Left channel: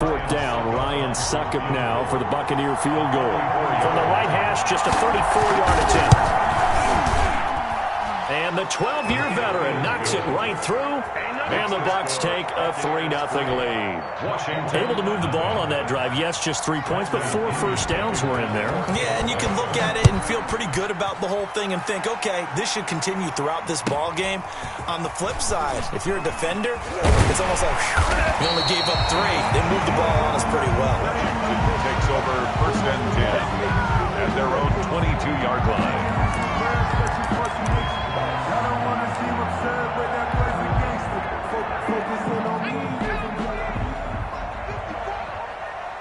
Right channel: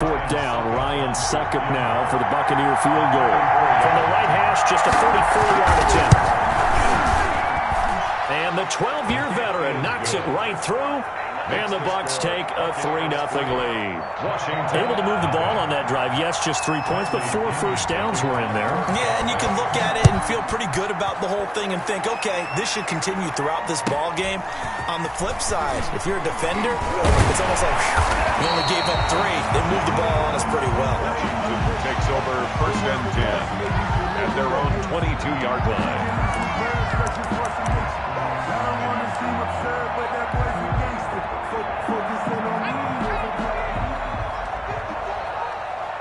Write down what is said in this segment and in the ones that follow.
Fourth down, Ryan Succop now for the Buccaneer field goal. From the right hash, just a 34-yard attempt. And the 12-year veteran knocks it right through. And the Bucs take a 3-0 lead. Washington. Able to move the ball on that drive. Yes, just 3 points, but 4 first downs were in there. Yeah, and you can look at it and feel pretty good about the whole thing and think, okay, this should continue throughout this ball game. On the flip side, if you're a defender, it's almost like we only gave up 3. They moved the ball on us pretty well. Washington takes over 1st and 10 at their own 22-yard line. I don't want to seem absurd, but that boy's a gangster. Focusing on me.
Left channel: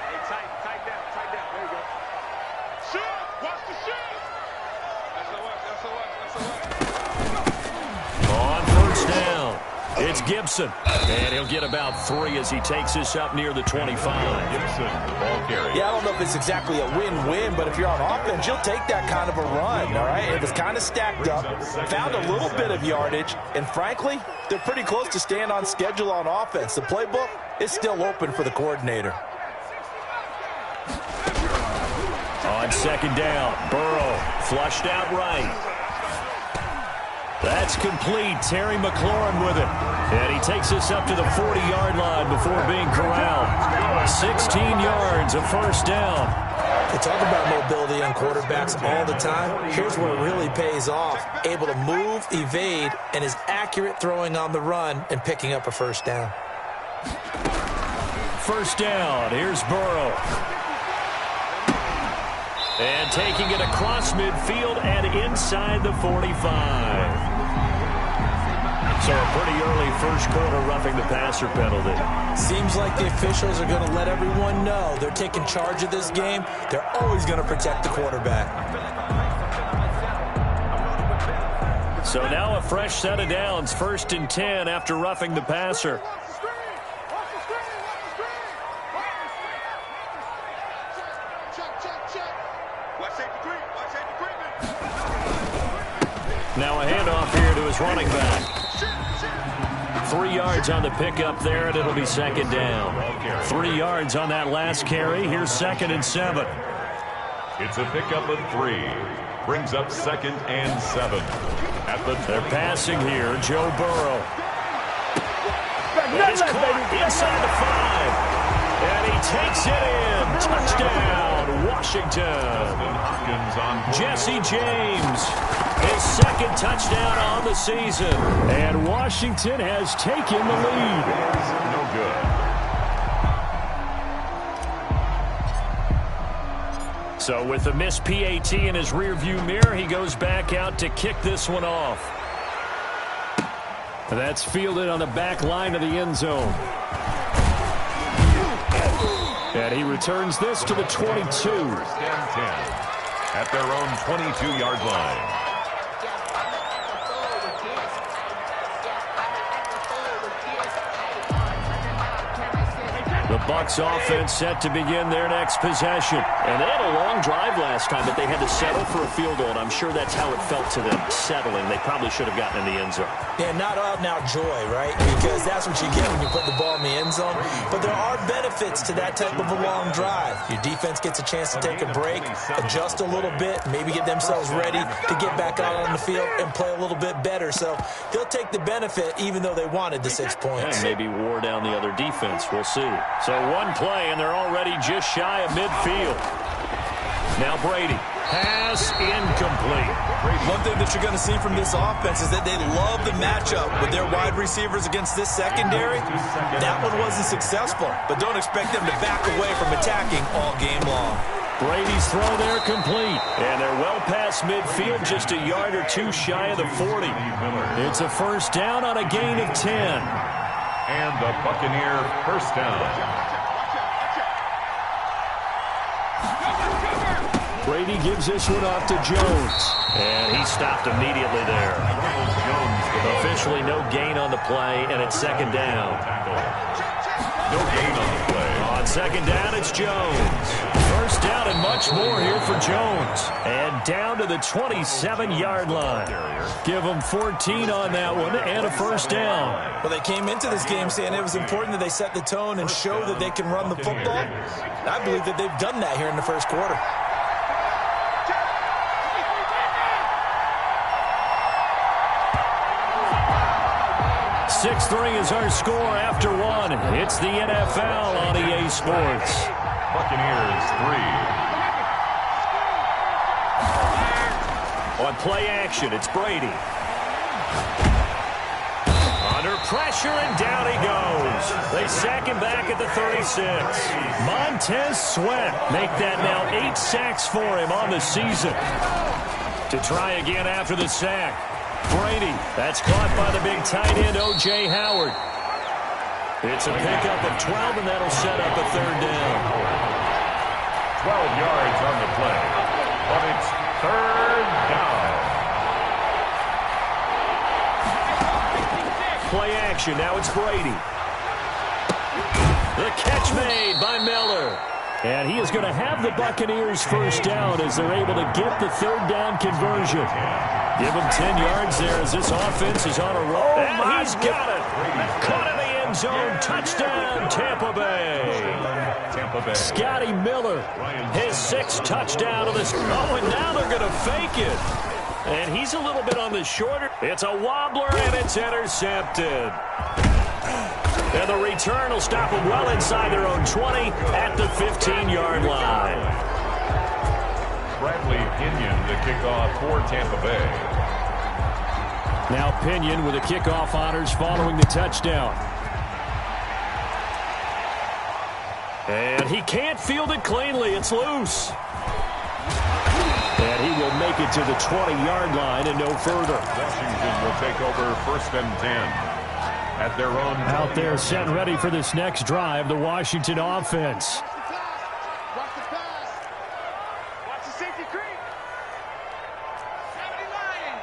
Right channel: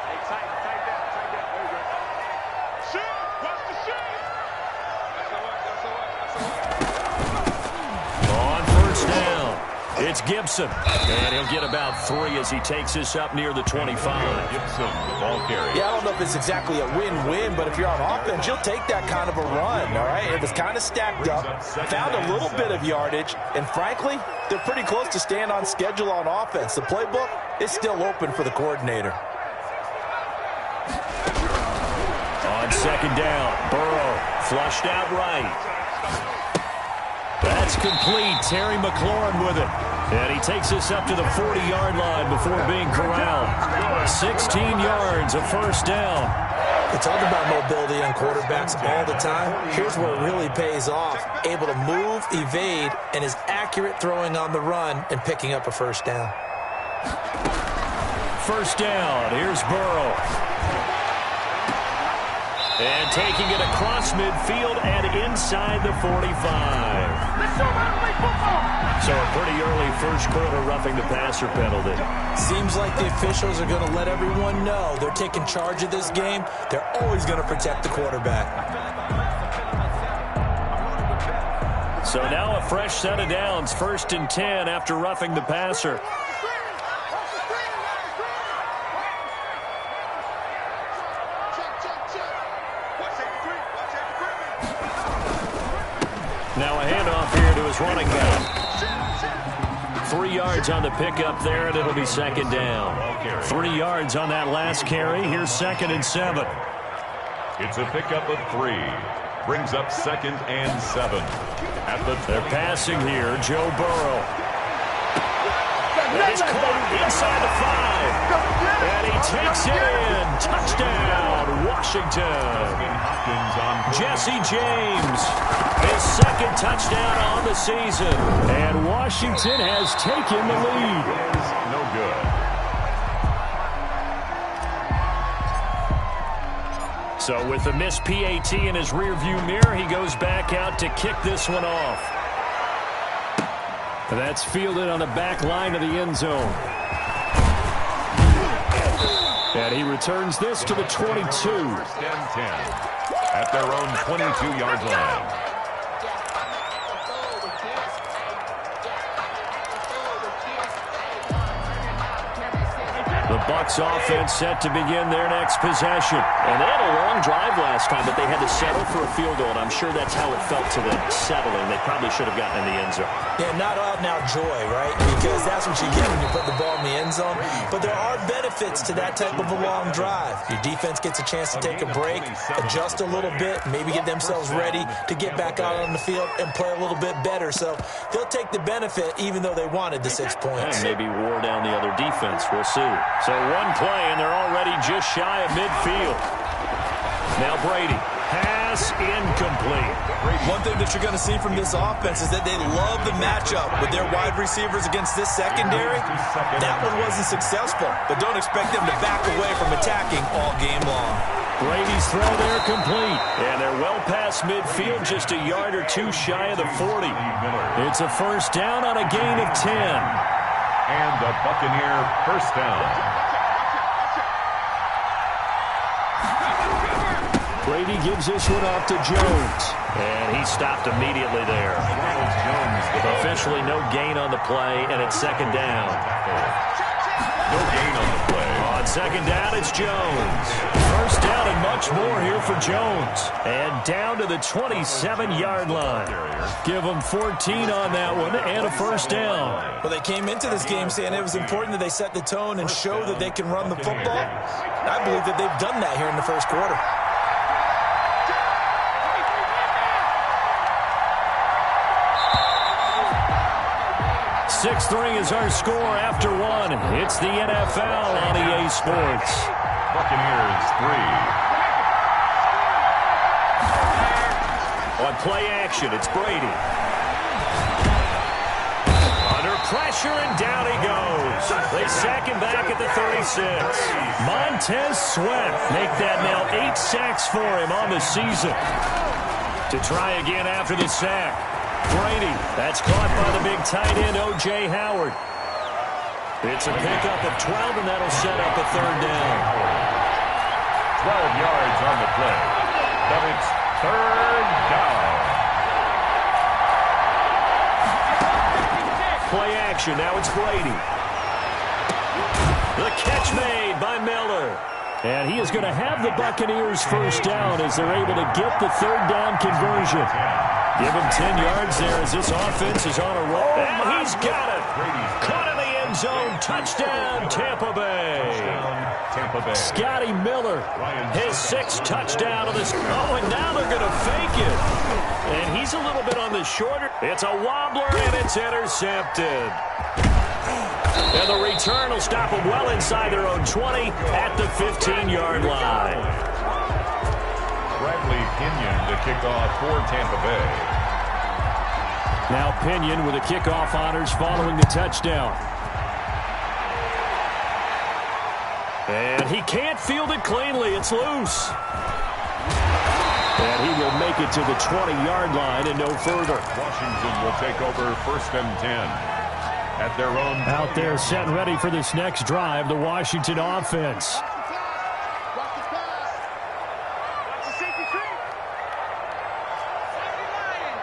Hey, tight down. There you go. Shoot! Watch the shoot! That's On first down, it's Gibson. And he'll get about 3 as he takes this up near the 25. Gibson, the ball carrier. Yeah, I don't know if it's exactly a win-win, but if you're on offense, you'll take that kind of a run, all right? It was kind of stacked up, found a little bit of yardage, and frankly, they're pretty close to staying on schedule on offense. The playbook is still open for the coordinator. On second down, Burrow flushed out right. That's complete. Terry McLaurin with it. And he takes us up to the 40-yard line before being corralled. 16 yards, a first down. They talk about mobility on quarterbacks all the time. Here's where it really pays off. Able to move, evade, and is accurate throwing on the run and picking up a first down. First down. Here's Burrow. And taking it across midfield and inside the 45. So a pretty early first quarter roughing the passer penalty. Seems like the officials are going to let everyone know they're taking charge of this game. They're always going to protect the quarterback. So now a fresh set of downs. 1st and 10 after roughing the passer. Now a handoff here to his running back. 3 yards on the pickup there, and it'll be second down. 3 yards on that last carry. Here's 2nd and 7. It's a pickup of 3. Brings up 2nd and 7. They're passing here. Joe Burrow. That is caught inside the 5. And he takes it in. Touchdown, Washington. Jesse James, his 2nd touchdown on the season. And Washington has taken the lead. No good. So with the missed PAT in his rearview mirror, he goes back out to kick this one off. That's fielded on the back line of the end zone. And he returns this to the 22. 1st and 10 at their own 22-yard line. The Bucs offense set to begin their next possession. And they had a long drive last time, but they had to settle for a field goal, and I'm sure that's how it felt to them, settling. They probably should have gotten in the end zone. Yeah, not out-and-out joy, right? Because that's what you get when you put the ball in the end zone. But there are benefits to that type of a long drive. Your defense gets a chance to take a break, adjust a little bit, maybe get themselves ready to get back out on the field and play a little bit better. So they'll take the benefit even though they wanted the 6 points. And maybe wore down the other defense. We'll see. So one play, and they're already just shy of midfield. Now Brady. Pass incomplete. One thing that you're going to see from this offense is that they love the matchup with their wide receivers against this secondary. That one wasn't successful, but don't expect them to back away from attacking all game long. Brady's throw there complete. And they're well past midfield, just a yard or 2 shy of the 40. It's a first down on a gain of 10. And the Buccaneer first down. Brady gives this one off to Jones. And he stopped immediately there. Officially no gain on the play, and it's second down. No gain on the play. On second down, it's Jones. First down and much more here for Jones. And down to the 27-yard line. Give them 14 on that one and a first down. Well, they came into this game saying it was important that they set the tone and show that they can run the football. I believe that they've done that here in the first quarter. Six-3 is our score after one. It's the NFL on EA Sports. Buccaneers 3. On play action, it's Brady. Under pressure, and down he goes. They sack him back at the 36. Montez Sweat make that now 8 sacks for him on the season. To try again after the sack. Brady, that's caught by the big tight end, O.J. Howard. It's a pickup of 12, and that'll set up a third down. 12 yards on the play, but it's third down. Play action, now it's Brady. The catch made by Miller. And he is going to have the Buccaneers first down as they're able to get the third down conversion. Give him 10 yards there as this offense is on a roll. And he's got it. Caught in the end zone. Touchdown, Tampa Bay. Scotty Miller, his 6th touchdown of this. Oh, and now they're going to fake it. And he's a little bit on the shorter. It's a wobbler, and it's intercepted. And the return will stop them well inside their own 20 at the 15-yard line. Bradley Pinion the kickoff for Tampa Bay. Now Pinion with the kickoff honors following the touchdown. And he can't field it cleanly. It's loose. And he will make it to the 20-yard line and no further. Washington will take over 1st and 10. At their own out there set ready for this next drive, the Washington offense. Watch the pass. Watch the safety creep. 79.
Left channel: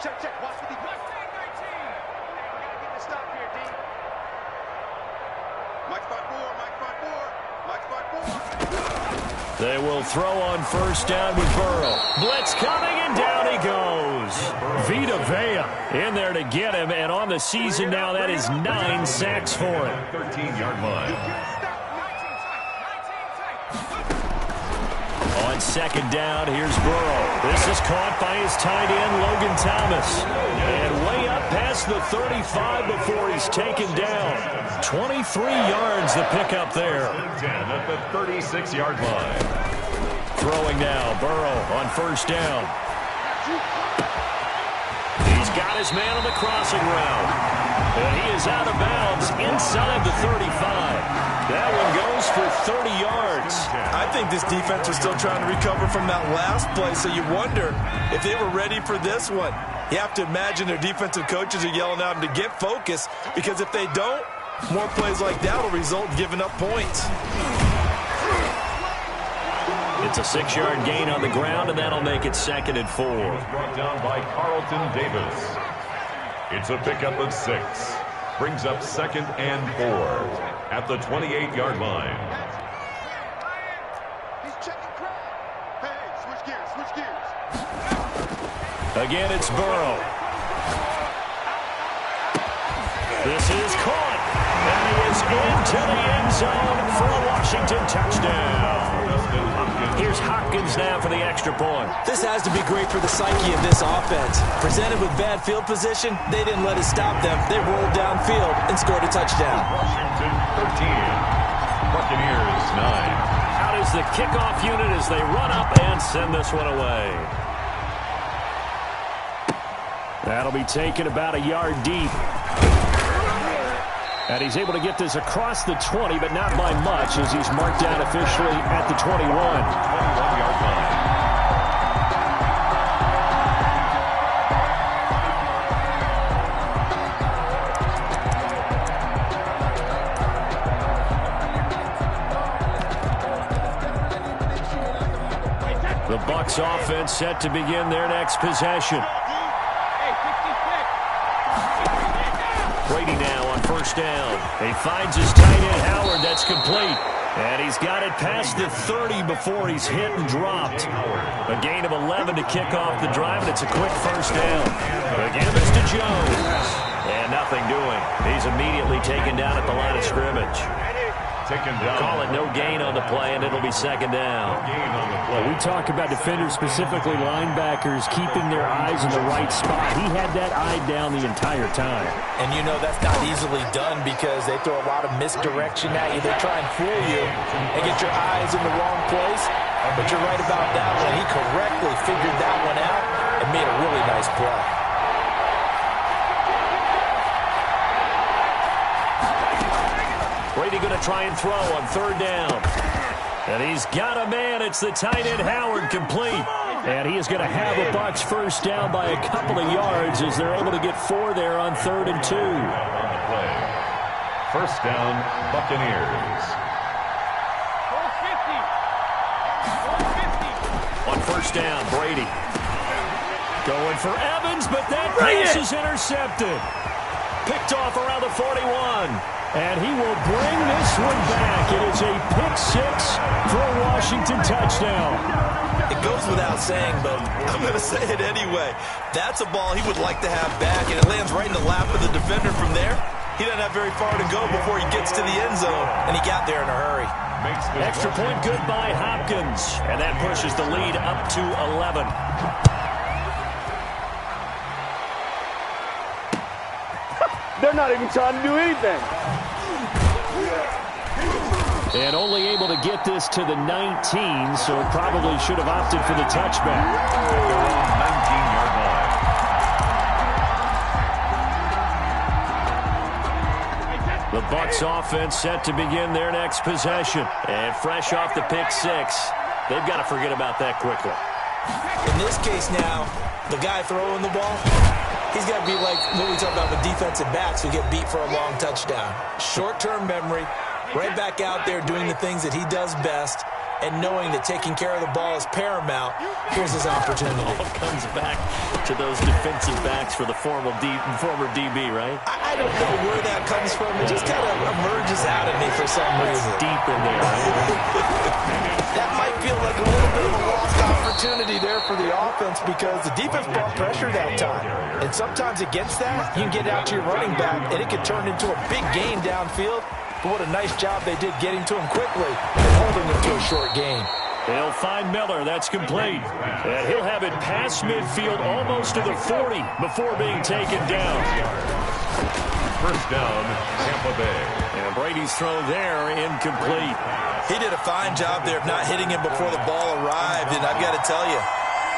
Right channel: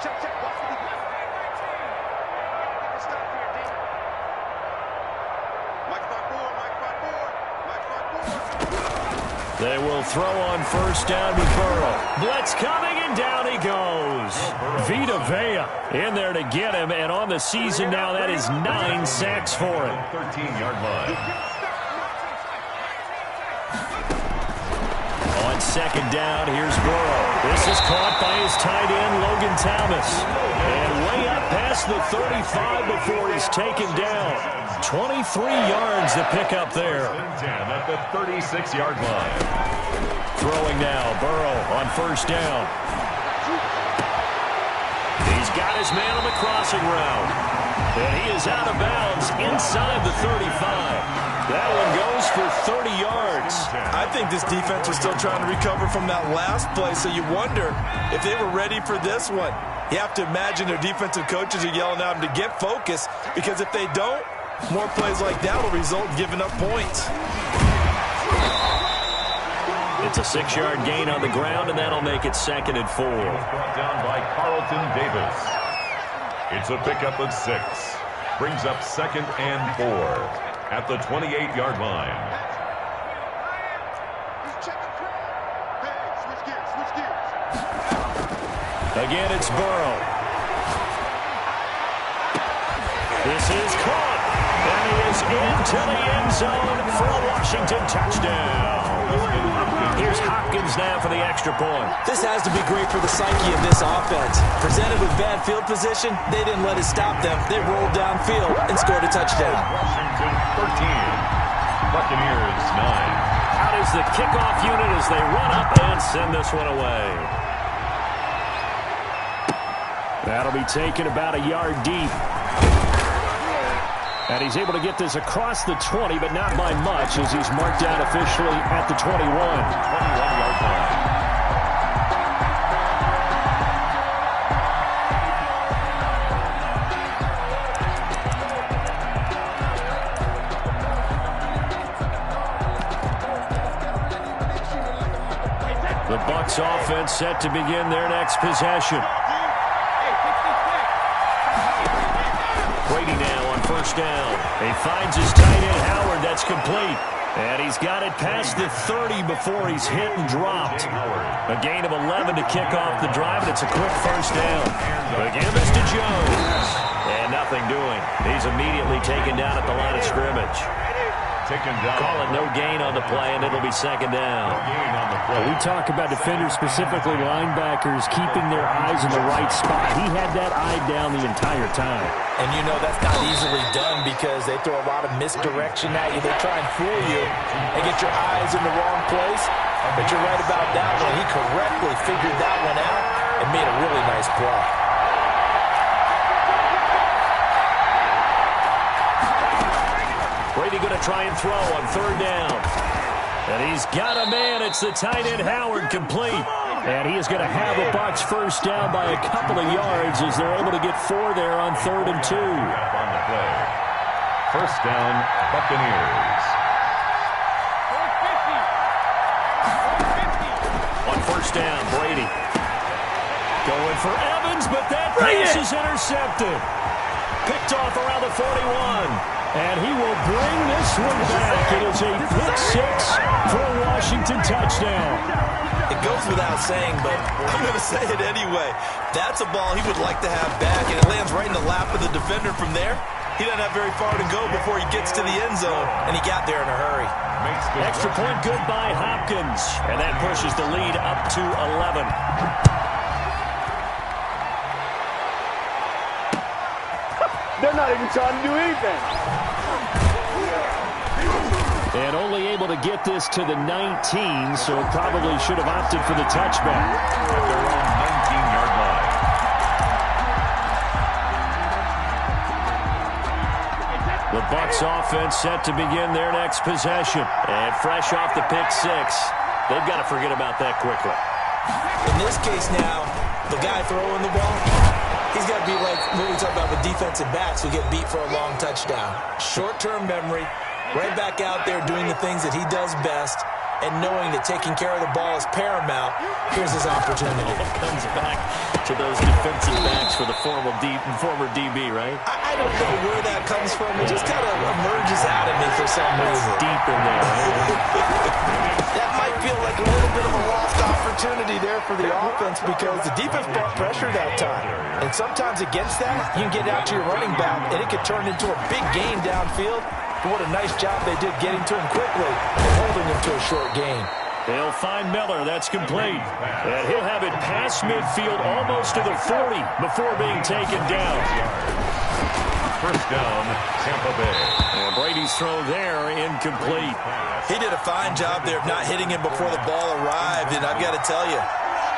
Check. Watch the defense. 19. You gotta get the stop here, D. Mike 5-4. They will throw on first down with Burrow. Blitz coming, and down he goes. Vita Vea in there to get him, and on the season now, that is 9 sacks for him. 13-yard line. On second down, here's Burrow. This is caught by his tight end, Logan Thomas. And way up past the 35 before he's taken down. 23 yards to pick up there. 10 at the 36-yard line. Throwing now, Burrow on first down. He's got his man on the crossing route. And he is out of bounds inside the 35. That one goes for 30 yards. I think this defense was still trying to recover from that last play, so you wonder if they were ready for this one. You have to imagine their defensive coaches are yelling at them to get focused, because if they don't, more plays like that will result in giving up points. It's a 6-yard gain on the ground, and that'll make it 2nd and 4. Brought down by Carlton Davis. It's a pickup of 6. Brings up 2nd and 4 at the 28-yard line. He's checking Craig. Hey, switch gears. Again, it's Burrow. This is caught. And he is into the end zone for a Washington touchdown. Here's Hopkins now for the extra point. This has to be great for the psyche of this offense. Presented with bad field position, they didn't let it stop them. They rolled downfield and scored a touchdown. Washington 13. Buccaneers 9. Out is the kickoff unit as they run up and send this one away. That'll be taken about a yard deep. And he's able to get this across the 20, but not by much, as he's marked down officially at the 21. 21-yard line. The Bucs offense set to begin their next possession. Brady now on first touchdown. He finds his tight end, Howard. That's complete. And he's got it past the 30 before he's hit and dropped. A gain of 11 to kick off the drive, and it's a quick first down. The give is to Jones. And nothing doing. He's immediately taken down at the line of scrimmage. Taken down. Call it no gain on the play, and it'll be second down. No gain on the play. We talk about defenders, specifically linebackers, keeping their eyes in the right spot. He had that eye down the entire time. And you know that's not easily done because they throw a lot of misdirection at you. They try and fool you and get your eyes in the wrong place. But you're right about that one. He correctly figured that one out and made a really nice play. Brady going to try and throw on third down. And he's got a man. It's the tight end, Howard, complete. And he is going to have a Bucs first down by a couple of yards as they're able to get 4 there on 3rd and 2. On the play. First down, Buccaneers. On first down, Brady. Going for Evans, but that pass is intercepted. Picked off around the 41. And he will bring this one back. It is a pick 6 for a Washington touchdown. It goes without saying, but I'm going to say it anyway. That's a ball he would like to have back, and it lands right in the lap of the defender from there. He doesn't have very far to go before he gets to the end zone, and he got there in a hurry. Extra point good by Hopkins, and that pushes the lead up to 11. They're not even trying to do anything. And only able to get this to the 19, so probably should have opted for the touchback. At their own 19-yard line. The Bucs offense set to begin their next possession. And fresh off the pick 6, they've got to forget about that quickly. In this case now, the guy throwing the ball, he's got to be like what we talk about with defensive backs who get beat for a long touchdown. Short-term memory, right back out there doing the things that he does best, and knowing that taking care of the ball is paramount. Here's his opportunity. It all comes back to those defensive backs for the former DB, right? I don't know where that comes from. It just kind of emerges out of me for some reason. Deep in there, right? That might feel like a little bit of a lost opportunity there for the offense because the defense brought pressure that time. And sometimes against that, you can get out to your running back, and it could turn into a big gain downfield. But what a nice job they did getting to him quickly and holding him to a short gain. They'll find Miller. That's complete. And he'll have it past midfield almost to the 40 before being taken down. First down, Tampa Bay. And Brady's throw there, incomplete. He did a fine job there of not hitting him before the ball arrived. And I've got to tell you,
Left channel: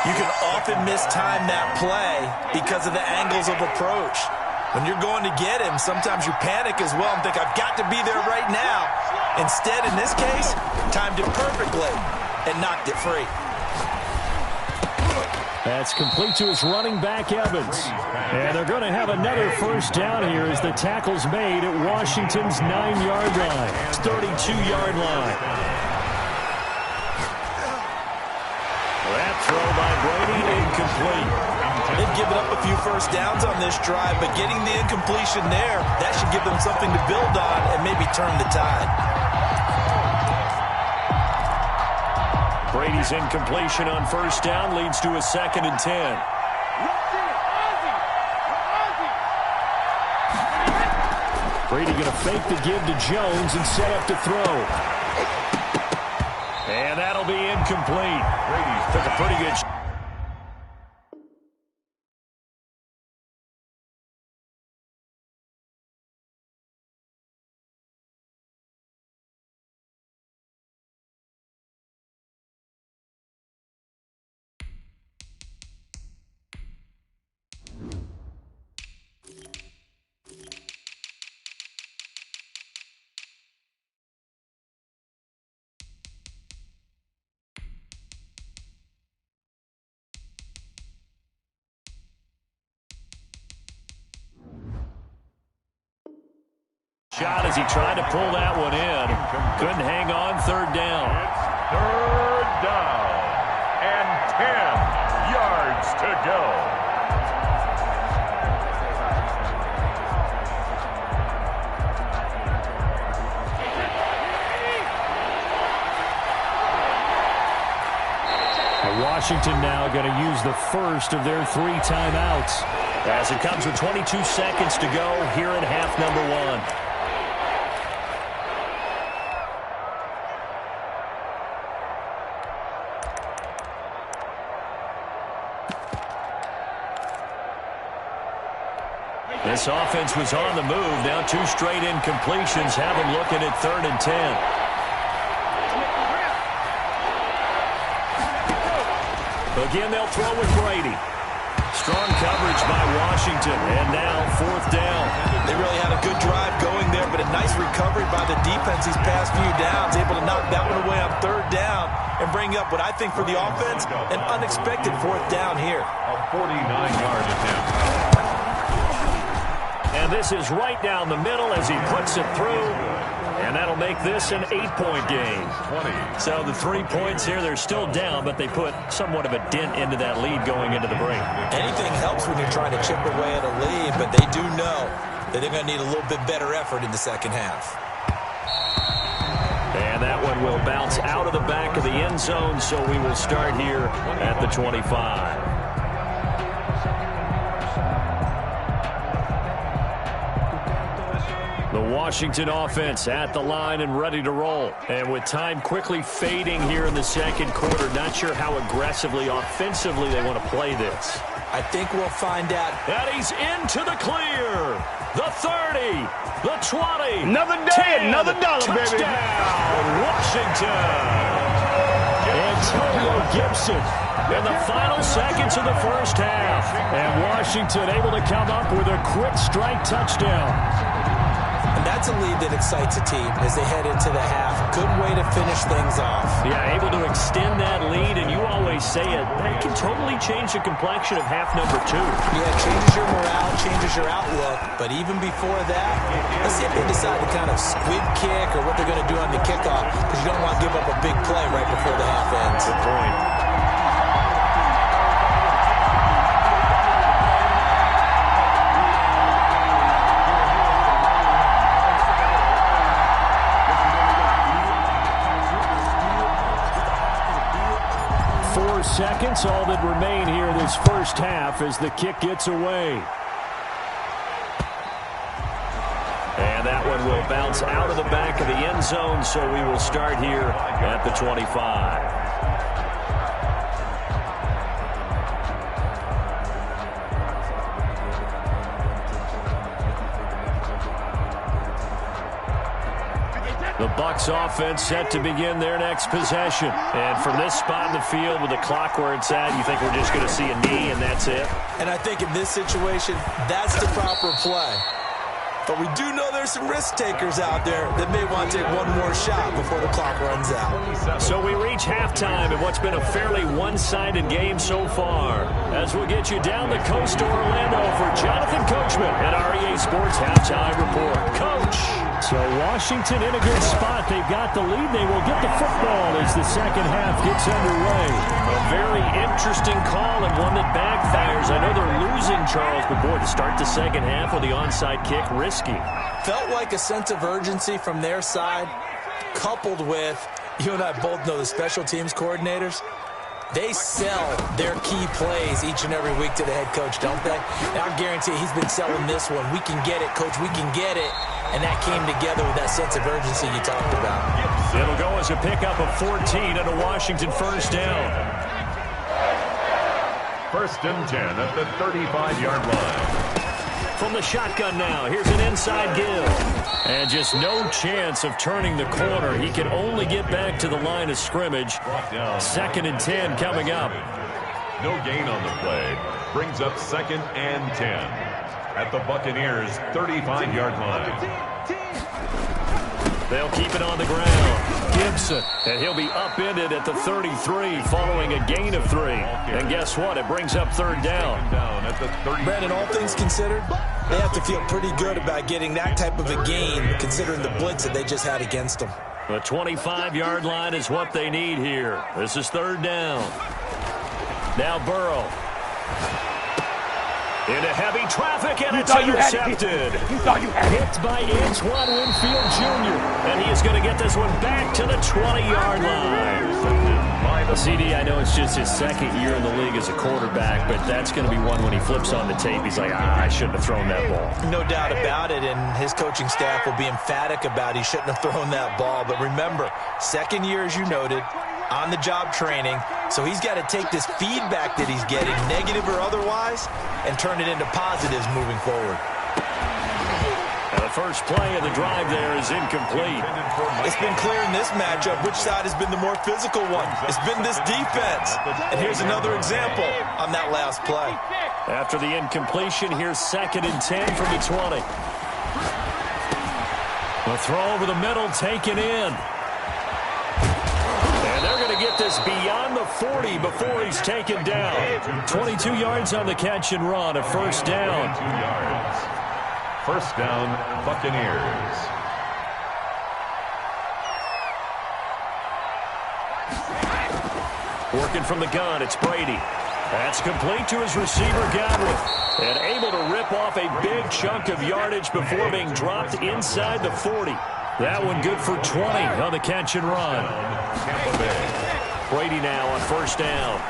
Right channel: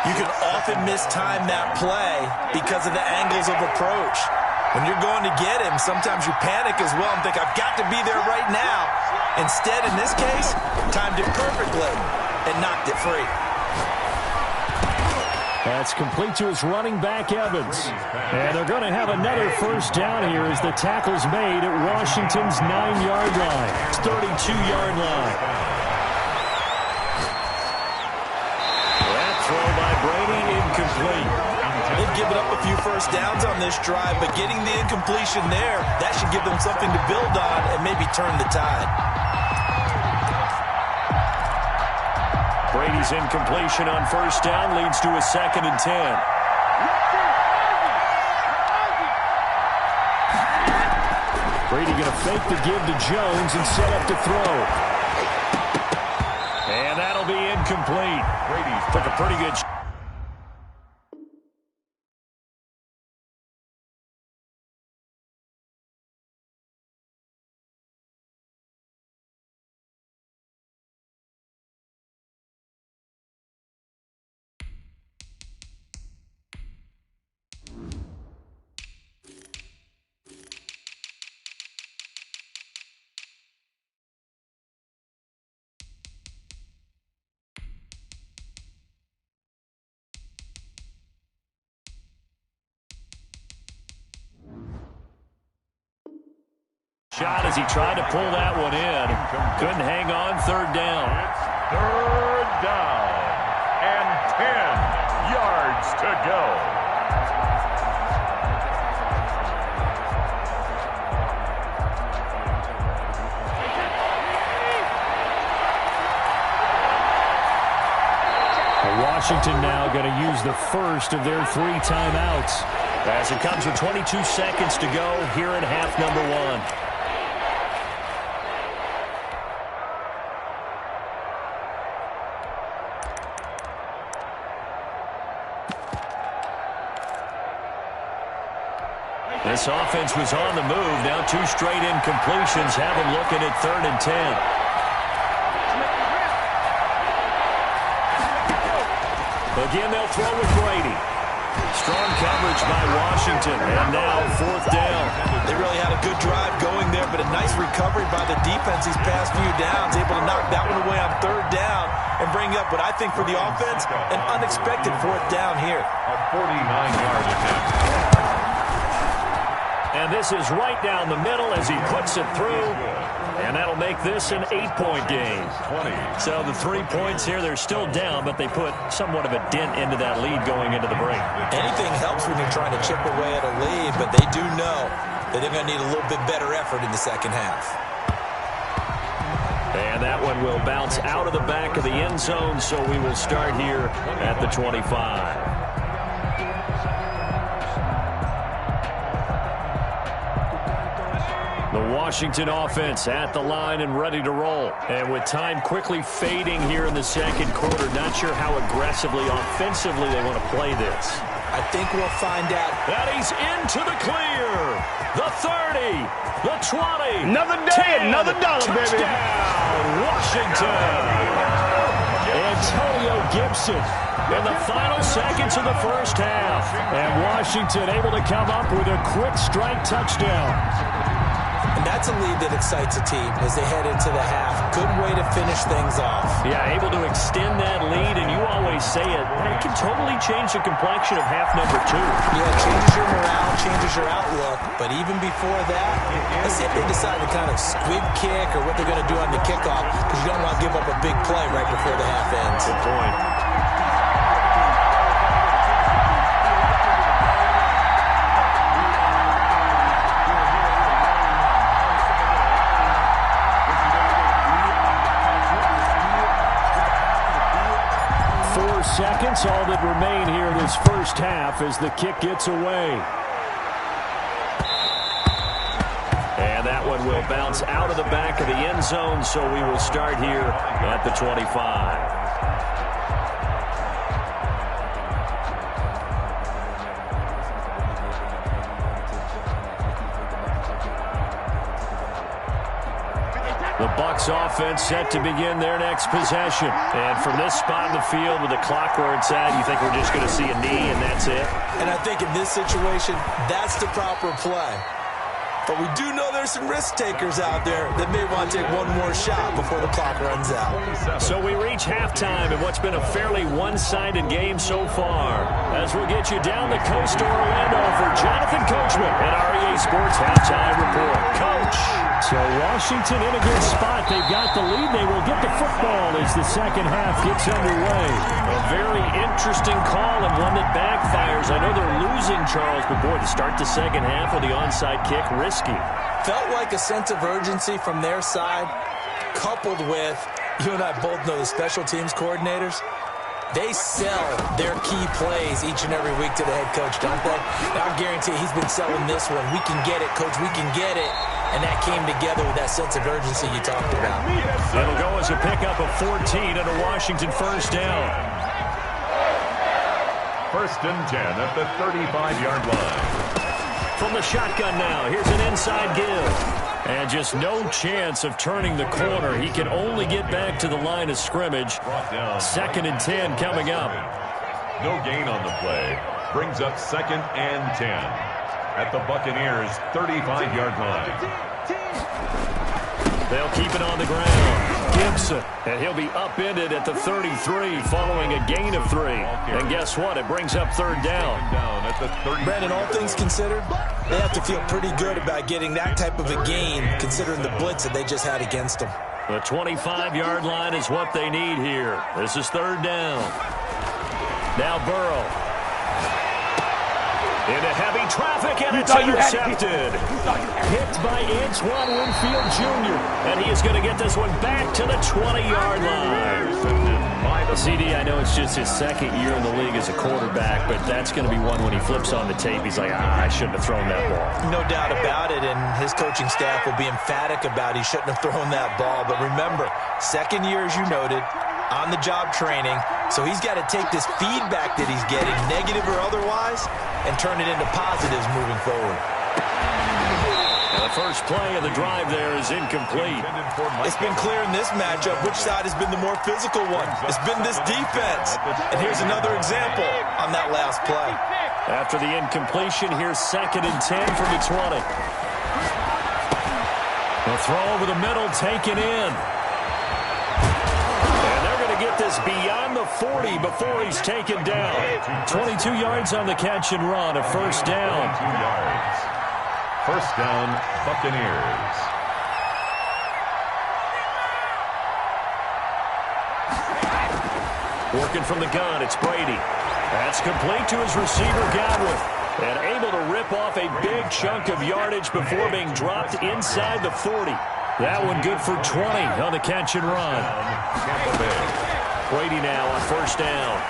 you can often mistime that play because of the angles of approach. When you're going to get him, sometimes you panic as well and think, I've got to be there right now. Instead, in this case, timed it perfectly and knocked it free. That's complete to his running back, Evans. And they're going to have another first down here as the tackle's made at Washington's 9-yard line. 32-yard line. That throw by Brady, incomplete. They've given up a few first downs on this drive, but getting the incompletion there, that should give them something to build on and maybe turn the tide. Brady's incompletion on first down leads to a 2nd and 10. Brady going to fake the give to Jones and set up to throw. And that'll be incomplete. Brady took a pretty good shot. Shot as he tried to pull that one in. Couldn't hang on. Third down. It's third down and 10 yards to go. And Washington now going to use the first of their 3 timeouts. As it comes with 22 seconds to go here in half number 1. This offense was on the move. Now 2 straight incompletions have them looking at 3rd and 10. Again, they'll throw with Brady. Strong coverage by Washington, and now 4th down. They really had a good drive going there, but a nice recovery by the defense these past few downs, able to knock that one away on 3rd down and bring up what I think for the offense, an unexpected 4th down here. A 49-yard attempt. And this is right down the middle as he puts it through. And that'll make this an 8-point game. 20. So the 3 points here, they're still down, but they put somewhat of a dent into that lead going into the break. Anything helps when you're trying to chip away at a lead, but they do know that they're going to need a little bit better effort in the second half. And that one will bounce out of the back of the end zone, so we will start here at the 25. The Washington offense at the line and ready to roll. And with time quickly fading here in the second quarter, not sure how aggressively, offensively they want to play this. I think we'll find out. And he's into the clear. The 30, the 20. Another day, 10, another dollar, baby. Touchdown, Washington. Antonio Gibson In the final seconds of the first half. And Washington able to come up with a quick strike touchdown. And that's a lead that excites a team as they head into the half. Good way to finish things off. Yeah, able to extend that lead, and you always say it, that can totally change the complexion of half number 2. Yeah, it changes your morale, changes your outlook. But even before that, let's see if they decide to kind of squib kick or what they're going to do on the kickoff, because you don't want to give up a big play right before the half ends. Good point. Seconds, all that remain here this first half as the kick gets away. And that one will bounce out of the back of the end zone, so we will start here at the 25. The Bucs offense set to begin their next possession. And from this spot in the field with the clock where it's at, you think we're just going to see a knee and that's it? And I think in this situation, that's the proper play. But we do know there's some risk takers out there that may want to take one more shot before the clock runs out. So we reach halftime in what's been a fairly one-sided game so far. As we'll get you down the coast to Orlando for Jonathan Coachman at REA Sports Halftime Report. Coach. So Washington in a good spot. They've got the lead. They will get the football as the second half gets underway. A very interesting call and one that backfires. I know they're losing, Charles, but boy, to start the second half with the onside kick, risky. Felt like a sense of urgency from their side, coupled with, you and I both know the special teams coordinators, they sell their key plays each and every week to the head coach, don't they? And I guarantee he's been selling this one. We can get it, coach, we can get it. And that came together with that sense of urgency you talked about. It'll go as a pickup of 14 and a Washington first down. 1st and 10 at the 35-yard line. From the shotgun now, here's an inside give. And just no chance of turning the corner. He can only get back to the line of scrimmage. 2nd and 10 coming up. No gain on the play. Brings up 2nd and 10 at the Buccaneers' 35-yard line. They'll keep it on the ground. Gibson, and he'll be upended at the 33 following a gain of 3. And guess what? It brings up 3rd down. At the 30. Brandon, all things considered, they have to feel pretty good about getting that type of a gain considering the blitz that they just had against them. The 25-yard line is what they need here. This is 3rd down. Now Burrow. Into heavy traffic, and it's intercepted. Hit by Antoine Winfield Jr. And he is going to get this one back to the 20-yard line. CD, I know it's just his second year in the league as a quarterback, but that's going to be one when he flips on the tape. He's like, I shouldn't have thrown that ball. No doubt about it, and his coaching staff will be emphatic about he shouldn't have thrown that ball. But remember, second year, as you noted, on-the-job training, so he's got to take this feedback that he's getting, negative or otherwise, and turn it into positives moving forward. And the first play of the drive there is incomplete. It's been clear in this matchup which side has been the more physical one. It's been this defense. And here's another example on that last play. After the incompletion, here's 2nd and 10 from the 20. The throw over the middle, taken in. And they're going to get this beyond the 40 before he's taken down. 22 yards on the catch and run, a first down. 22 yards. First down, Buccaneers. Working from the gun, it's Brady. That's complete to his receiver, Godwin. And able to rip off a big chunk of yardage before being dropped inside the 40. That one good for 20 on the catch and run. Tampa Bay. Brady now on first down.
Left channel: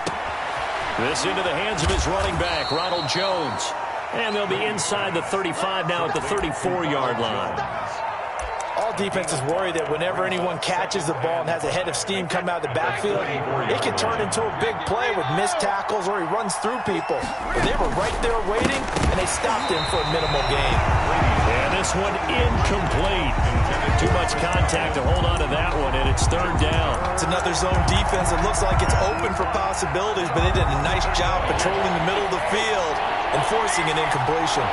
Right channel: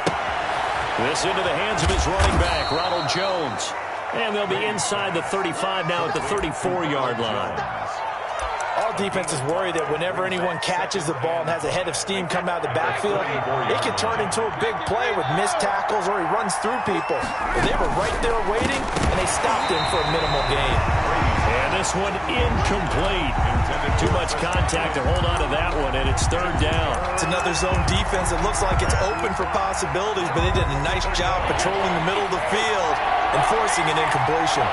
This into the hands of his running back, Ronald Jones. And they'll be inside the 35 now at the 34-yard line. All defenses worry that whenever anyone catches the ball and has a head of steam come out of the backfield, it can turn into a big play with missed tackles or he runs through people. But they were right there waiting, and they stopped him for a minimal gain. And this one incomplete. Too much contact to hold on to that one, and it's third down. It's another zone defense that looks like it's open for possibilities, but they did a nice job patrolling the middle of the field and forcing an incompletion.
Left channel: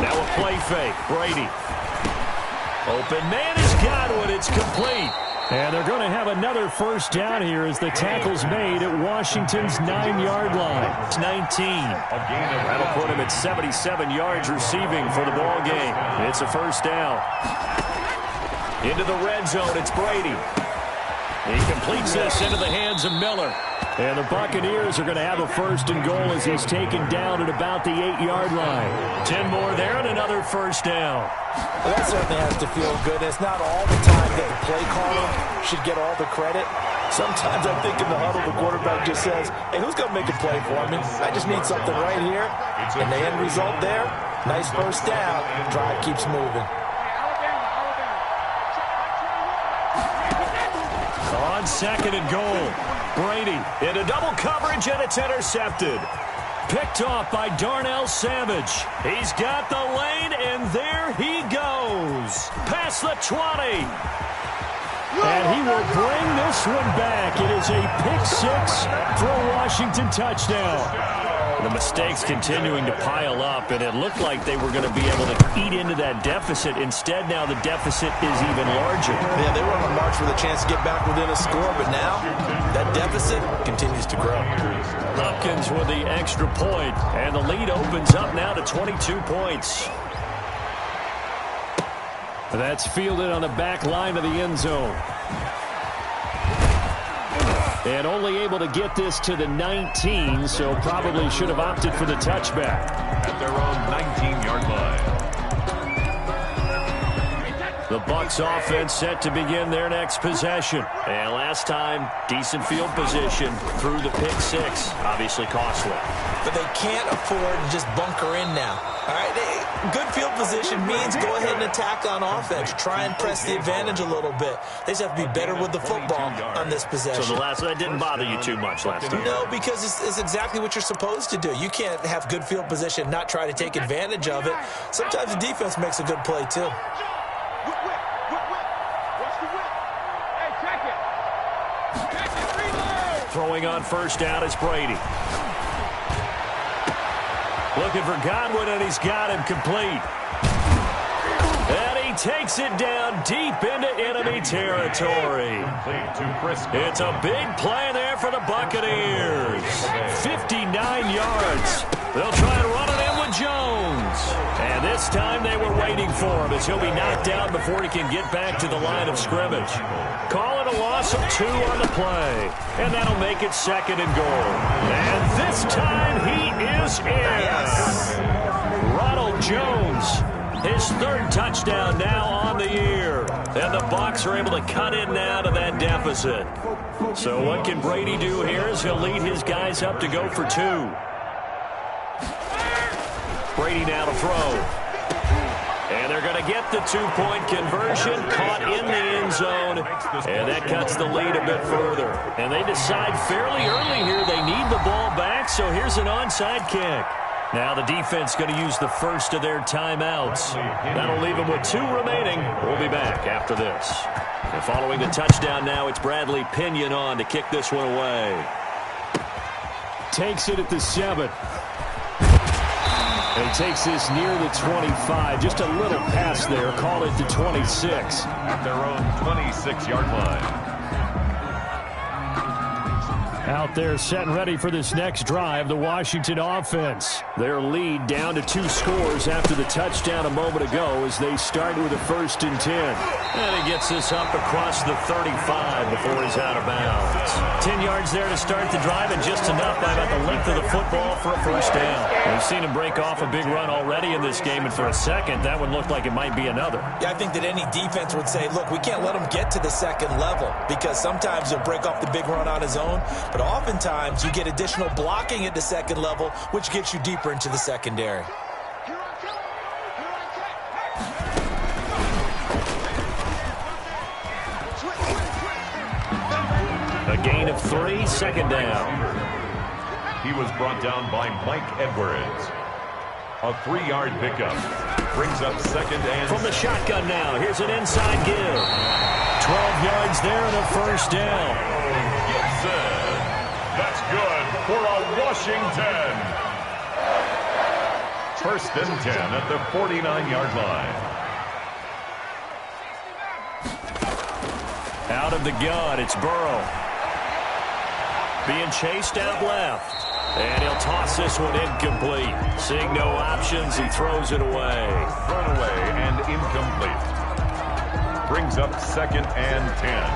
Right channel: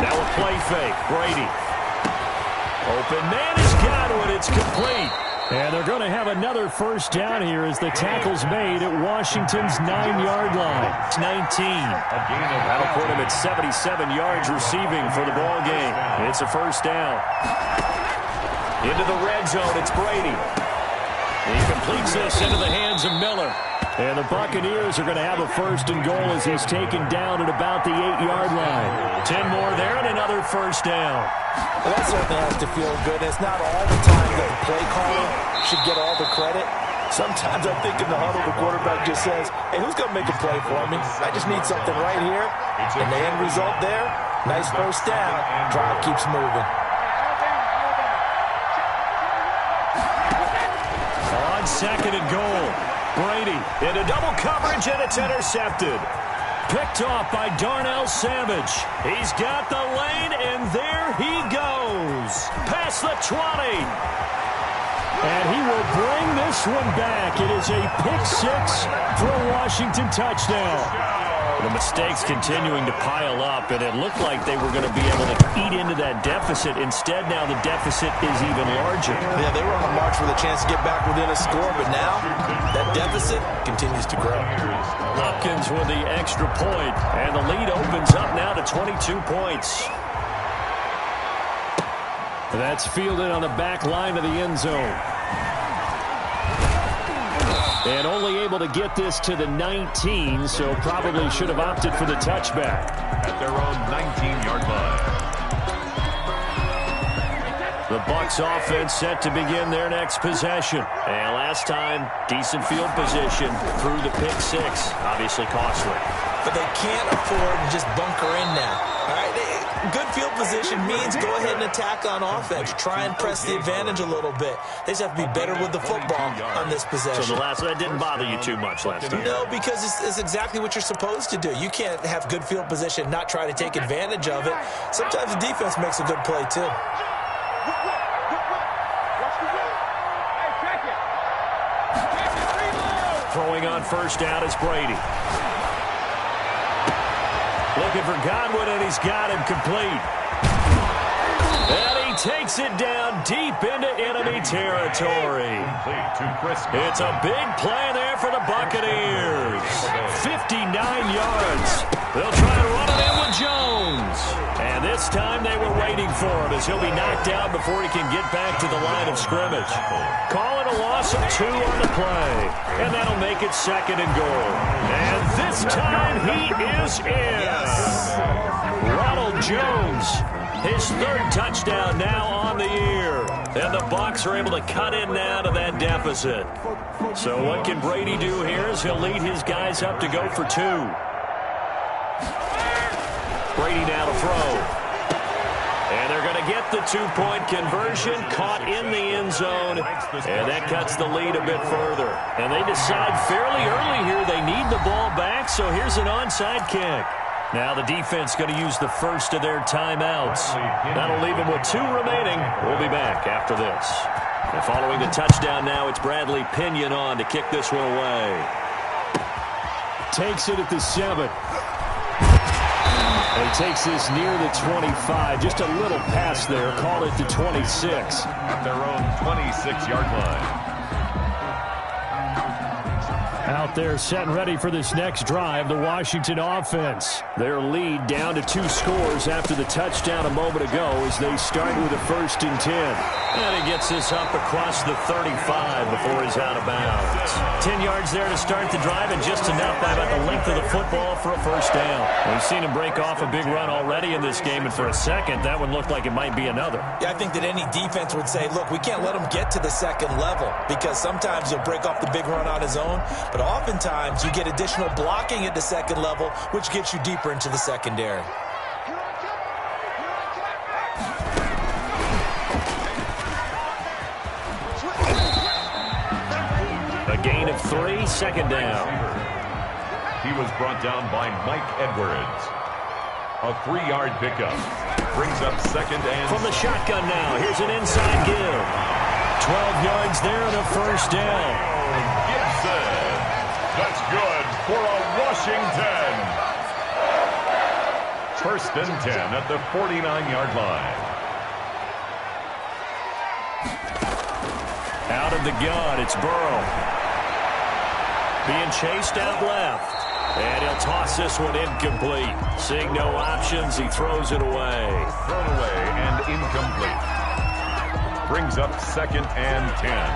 Now a play fake. Brady. Open man is Godwin. It's complete. And they're going to have another first down here as the tackle's made at Washington's 9-yard line. It's 19. That'll put him at 77 yards receiving for the ball game. It's a first down. Into the red zone, it's Brady. He completes this into the hands of Miller. And the Buccaneers are going to have a first and goal as he's taken down at about the 8-yard line. 10 more there and another first down. Well, that certainly has to feel good. It's not all the time that the play caller should get all the credit. Sometimes I think in the huddle the quarterback just says, hey, who's going to make a play for me? I just need something right here. And the end result there, nice first down. Drive keeps moving. On second and goal, Brady into double coverage, and it's intercepted. Picked off by Darnell Savage. He's got the lane, and there he goes. Past the 20. And he will bring this one back. It is a pick-6 for a Washington touchdown. The mistakes continuing to pile up, and it looked like they were going to be able to eat into that deficit. Instead, now the deficit is even larger. Yeah, they were on a march with a chance to get back within a score, but now that deficit continues to grow. Hopkins with the extra point, and the lead opens up now to 22 points. That's fielded on the back line of the end zone. And only able to get this to the 19, so probably should have opted for the touchback. At their own 19-yard line. The Bucs offense set to begin their next possession. And last time, decent field position through the pick-6. Obviously costly. But they can't afford to just bunker in now. All right, good field position means go ahead and attack on offense. Try and press the advantage a little bit. They just have to be better with the football on this possession. So that didn't bother you too much last time? No, because it's exactly what you're supposed to do. You can't have good field position and not try to take advantage of it. Sometimes the defense makes a good play, too. Throwing on first down is Brady. Looking for Godwin, and he's got him complete. And he takes it down deep into enemy territory. It's a big play there for the Buccaneers. 59 yards. They'll try and run it in with Jones. And this time they were waiting for him as he'll be knocked down before he can get back to the line of scrimmage. Call it a loss of 2 on the play. And that'll make it second and goal. And this time he is in. Ronald Jones His third touchdown now on the year. And the Bucs are able to cut in now to that deficit. So what can Brady do here as he'll lead his guys up to go for 2. Brady now to throw. And they're going to get the 2-point conversion, caught in the end zone, and that cuts the lead a bit further. And they decide fairly early here they need the ball back, so here's an onside kick. Now the defense going to use the first of their timeouts. That'll leave them with 2 remaining. We'll be back after this. And following the touchdown now, it's Bradley Pinion on to kick this one away. Takes it at the 7. And he takes this near the 25. Just a little pass there. Call it the 26. At their own 26-yard line. Out there set and ready for this next drive, the Washington offense. Their lead down to 2 scores after the touchdown a moment ago as they start with a 1st and 10. And he gets this up across the 35 before he's out of bounds. 10 yards there to start the drive, and just enough by about the length of the football for a 1st down. We've seen him break off a big run already in this game, and for a second, that one looked like it might be another. Yeah, I think that any defense would say, look, we can't let him get to the 2nd level, because sometimes he'll break off the big run on his own, but oftentimes you get additional blocking at the 2nd level, which gets you deeper into the secondary. A gain of 3, 2nd down. He was brought down by Mike Edwards. A 3-yard pickup. Brings up 2nd and... From the shotgun now, here's an inside give. 12 yards there and a 1st down. Gibson. That's good for a Washington. 1st and 10 at the 49-yard line. Out of the gun, it's Burrow. Being chased out left. And he'll toss this one incomplete. Seeing no options, he throws it away. Thrown away and incomplete. Brings up 2nd and 10.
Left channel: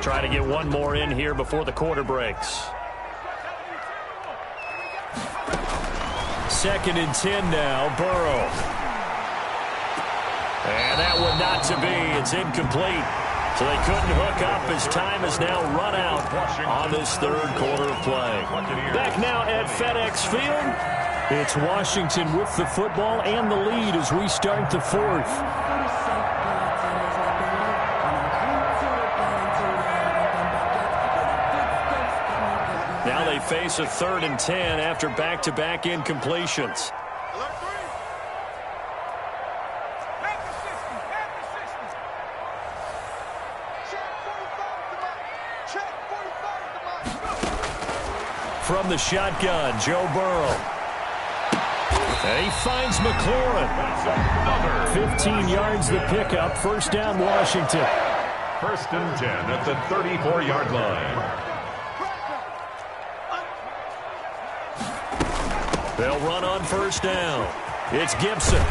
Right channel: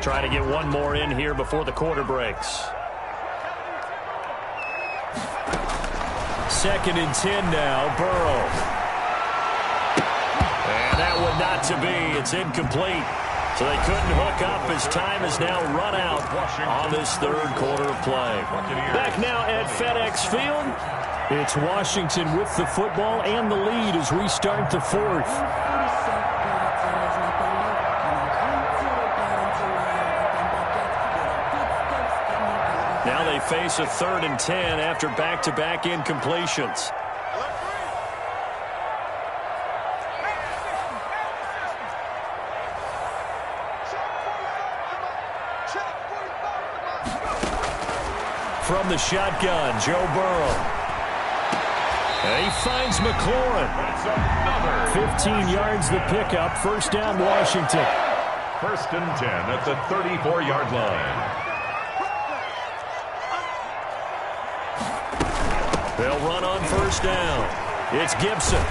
Try to get one more in here before the quarter breaks. 2nd and 10 now, Burrow. And that one not to be. It's incomplete. So they couldn't hook up as time has now run out on this 3rd quarter of play. Back now at FedEx Field. It's Washington with the football and the lead as we start the 4th. Now they face a 3rd and 10 after back-to-back incompletions. From the shotgun, Joe Burrow. And he finds McLaurin. 15 yards the pickup. 1st down, Washington. 1st and 10 at the 34-yard line. They'll run on 1st down. It's Gibson.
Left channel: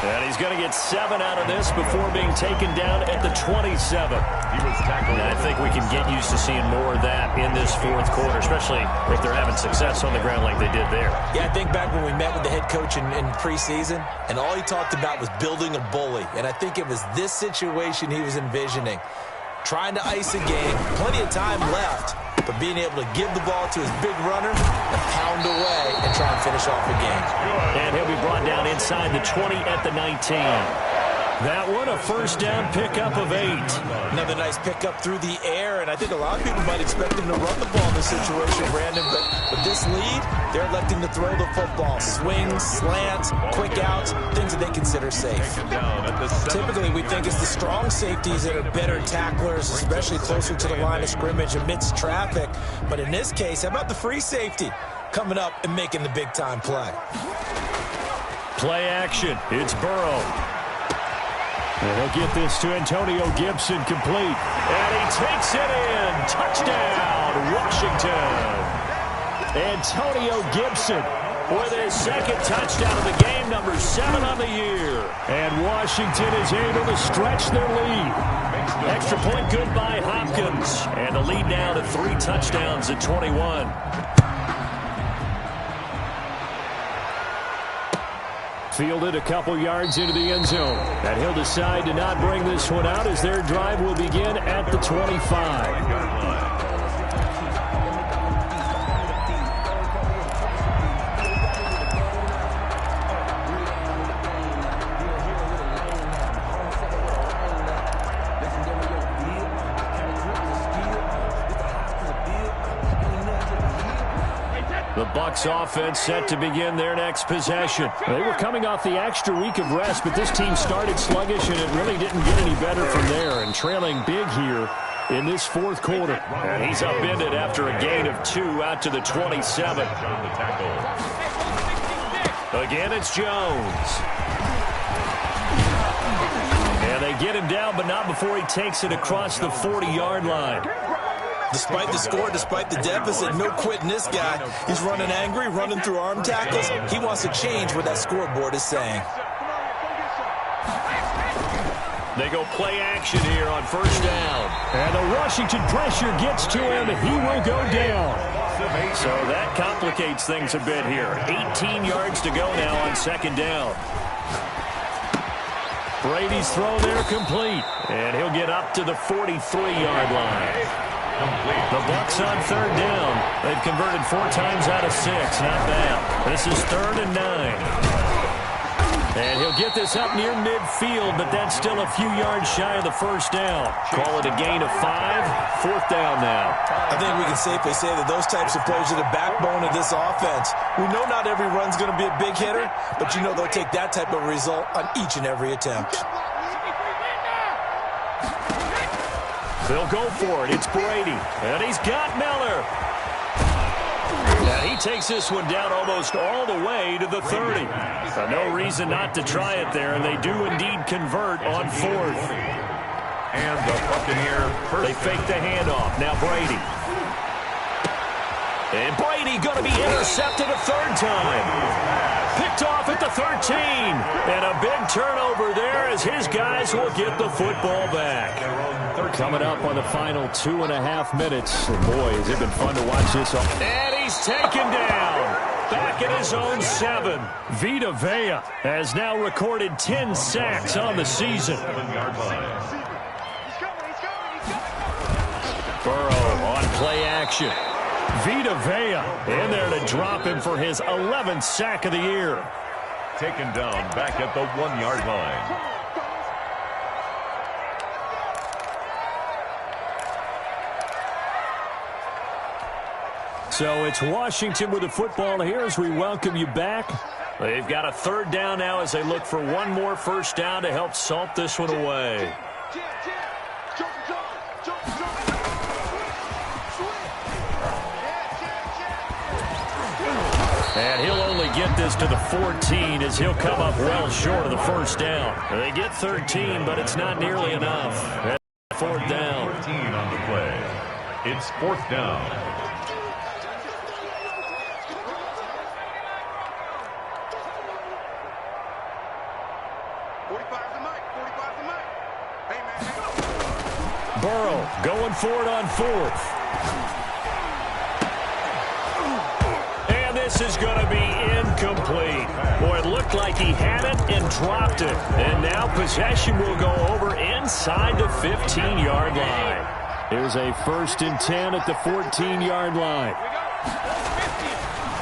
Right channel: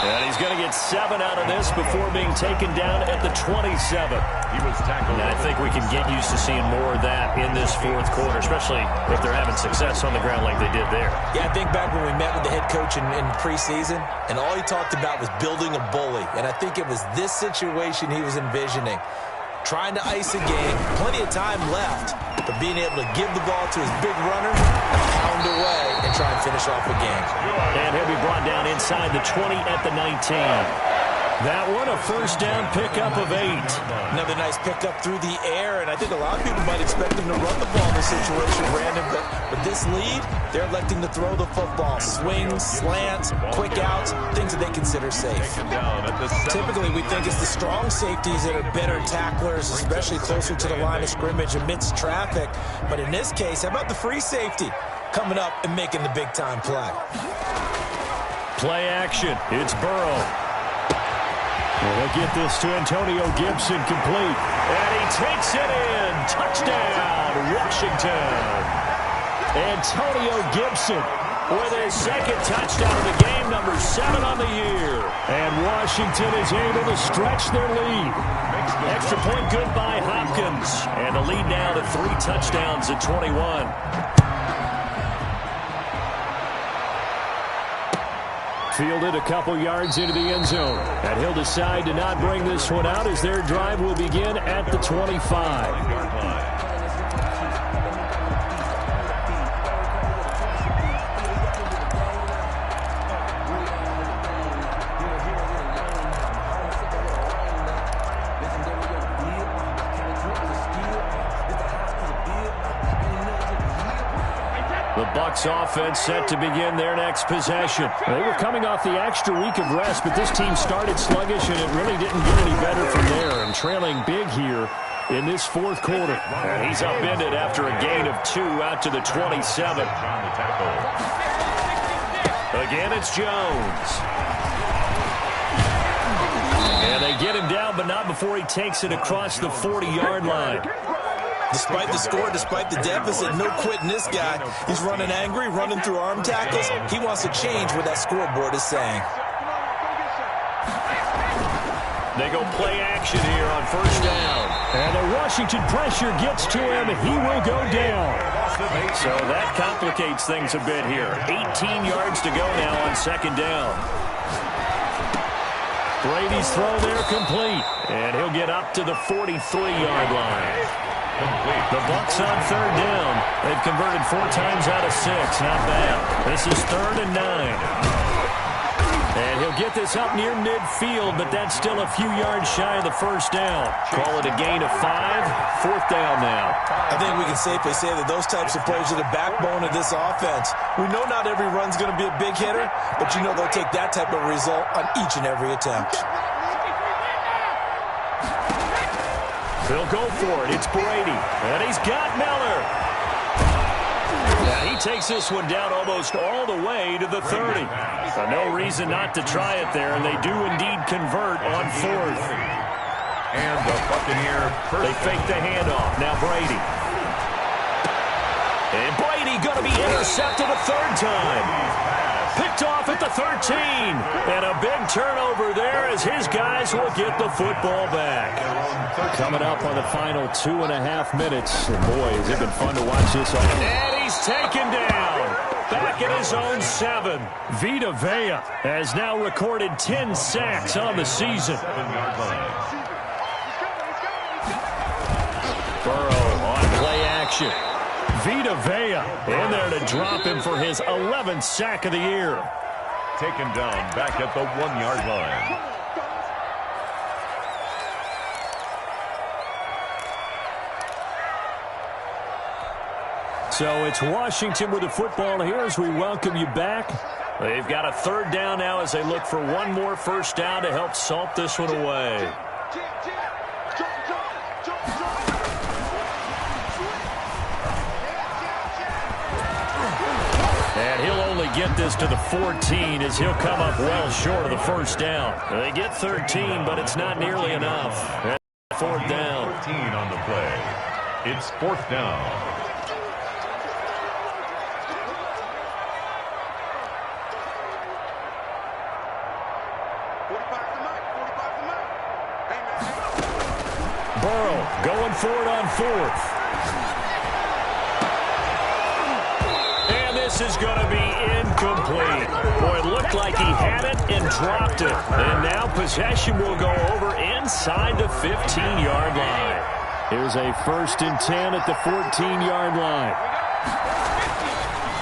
And he's going to get 7 out of this before being taken down at the 27. He was tackled. And I think we can get used to seeing more of that in this 4th quarter, especially if they're having success on the ground like they did there. Yeah, I think back when we met with the head coach in preseason, and all he talked about was building a bully. And I think it was this situation he was envisioning. Trying to ice a game, plenty of time left, but being able to give the ball to his big runner and pound away and try and finish off a game. And he'll be brought down inside the 20 at the 19. That one, a 1st down pickup of 8. Another nice pickup through the air, and I think a lot of people might expect him to run the ball in this situation, Brandon, but with this lead, they're electing to throw the football. Swings, slants, quick outs, things that they consider safe. Typically, we think it's the strong safeties that are better tacklers, especially closer to the line of scrimmage amidst traffic. But in this case, how about the free safety coming up and making the big-time play? Play action. It's Burrow. And he'll get this to Antonio Gibson complete. And he takes it in. Touchdown, Washington. Antonio Gibson with his 2nd touchdown of the game, number 7 on the year. And Washington is able to stretch their lead. Extra point good by Hopkins. And the lead now to 3 touchdowns at 21. Fielded a couple yards into the end zone. And he'll decide to not bring this one out as their drive will begin at the 25. The Bucs offense set to begin their next possession. They were coming off the extra week of rest, but this team started sluggish, and it really didn't get any better from there, and trailing big here in this fourth quarter. And he's upended after a gain of 2 out to the 27. Again, it's Jones. And they get him down, but not before he takes it across the 40-yard line. Despite the score, despite the deficit, no quitting this guy. He's running angry, running through arm tackles. He wants to change what that scoreboard is saying. They go play action here on first down. And the Washington pressure gets to him, and he will go down. So that complicates things a bit here. 18 yards to go now on second down. Brady's throw there complete. And he'll get up to the 43-yard line. The Bucs on third down. They've converted 4 times out of 6. Not bad. This is 3rd and 9. And he'll get this up near midfield, but that's still a few yards shy of the first down. Call it a gain of 5. 4th down now. I think we can safely say that those types of plays are the backbone of this offense. We know not every run's going to be a big hitter, but you know they'll take that type of result on each and every attempt. They'll go for it. It's Brady. And he's got Miller. Now he takes this one down almost all the way to the 30. No reason not to try it there, and they do indeed convert on 4th. And the Buccaneer. They fake the handoff. Now Brady. And Brady going to be intercepted a 3rd time. Picked off at the 13. And a big turnover there as his guys will get the football back. Coming up on the final 2.5 minutes. And boy, has it been fun to watch this. And he's taken down. Back at his own 7. Vita Vea has now recorded 10 sacks on the season. 7-yard line. Burrow on play action. Vita Vea in there to drop him for his 11th sack of the year. Taken down back at the 1-yard line. So it's Washington with the football here as we welcome you back. They've got a 3rd down now as they look for one more first down to help salt this one away. And he'll only get this to the 14 as he'll come up well short of the first down. They get 13, but it's not nearly enough. 4th down. 14 on the play. It's 4th down. Burrow going for it on 4th. And this is going to be incomplete. Boy, it looked like he had it and dropped it. And now possession will go over inside the 15-yard line. Here's a 1st and 10 at the 14-yard line.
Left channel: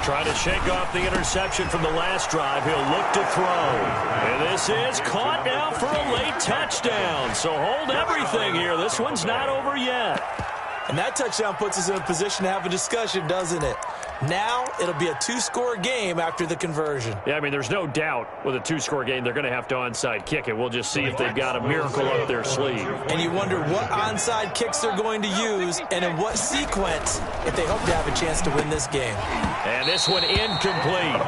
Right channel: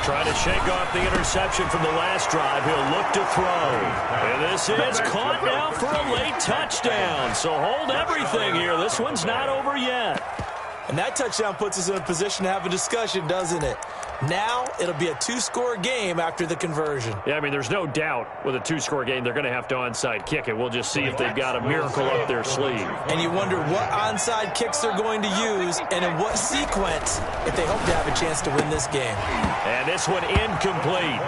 Trying to shake off the interception from the last drive. He'll look to throw. And this is caught now for a late touchdown. So hold everything here. This one's not over yet. And that touchdown puts us in a position to have a discussion, doesn't it? Now it'll be a 2-score game after the conversion. Yeah, I mean, there's no doubt with a 2-score game they're going to have to onside kick it. We'll just see if they've got a miracle up their sleeve. And you wonder what onside kicks they're going to use and in what sequence if they hope to have a chance to win this game. And this one incomplete.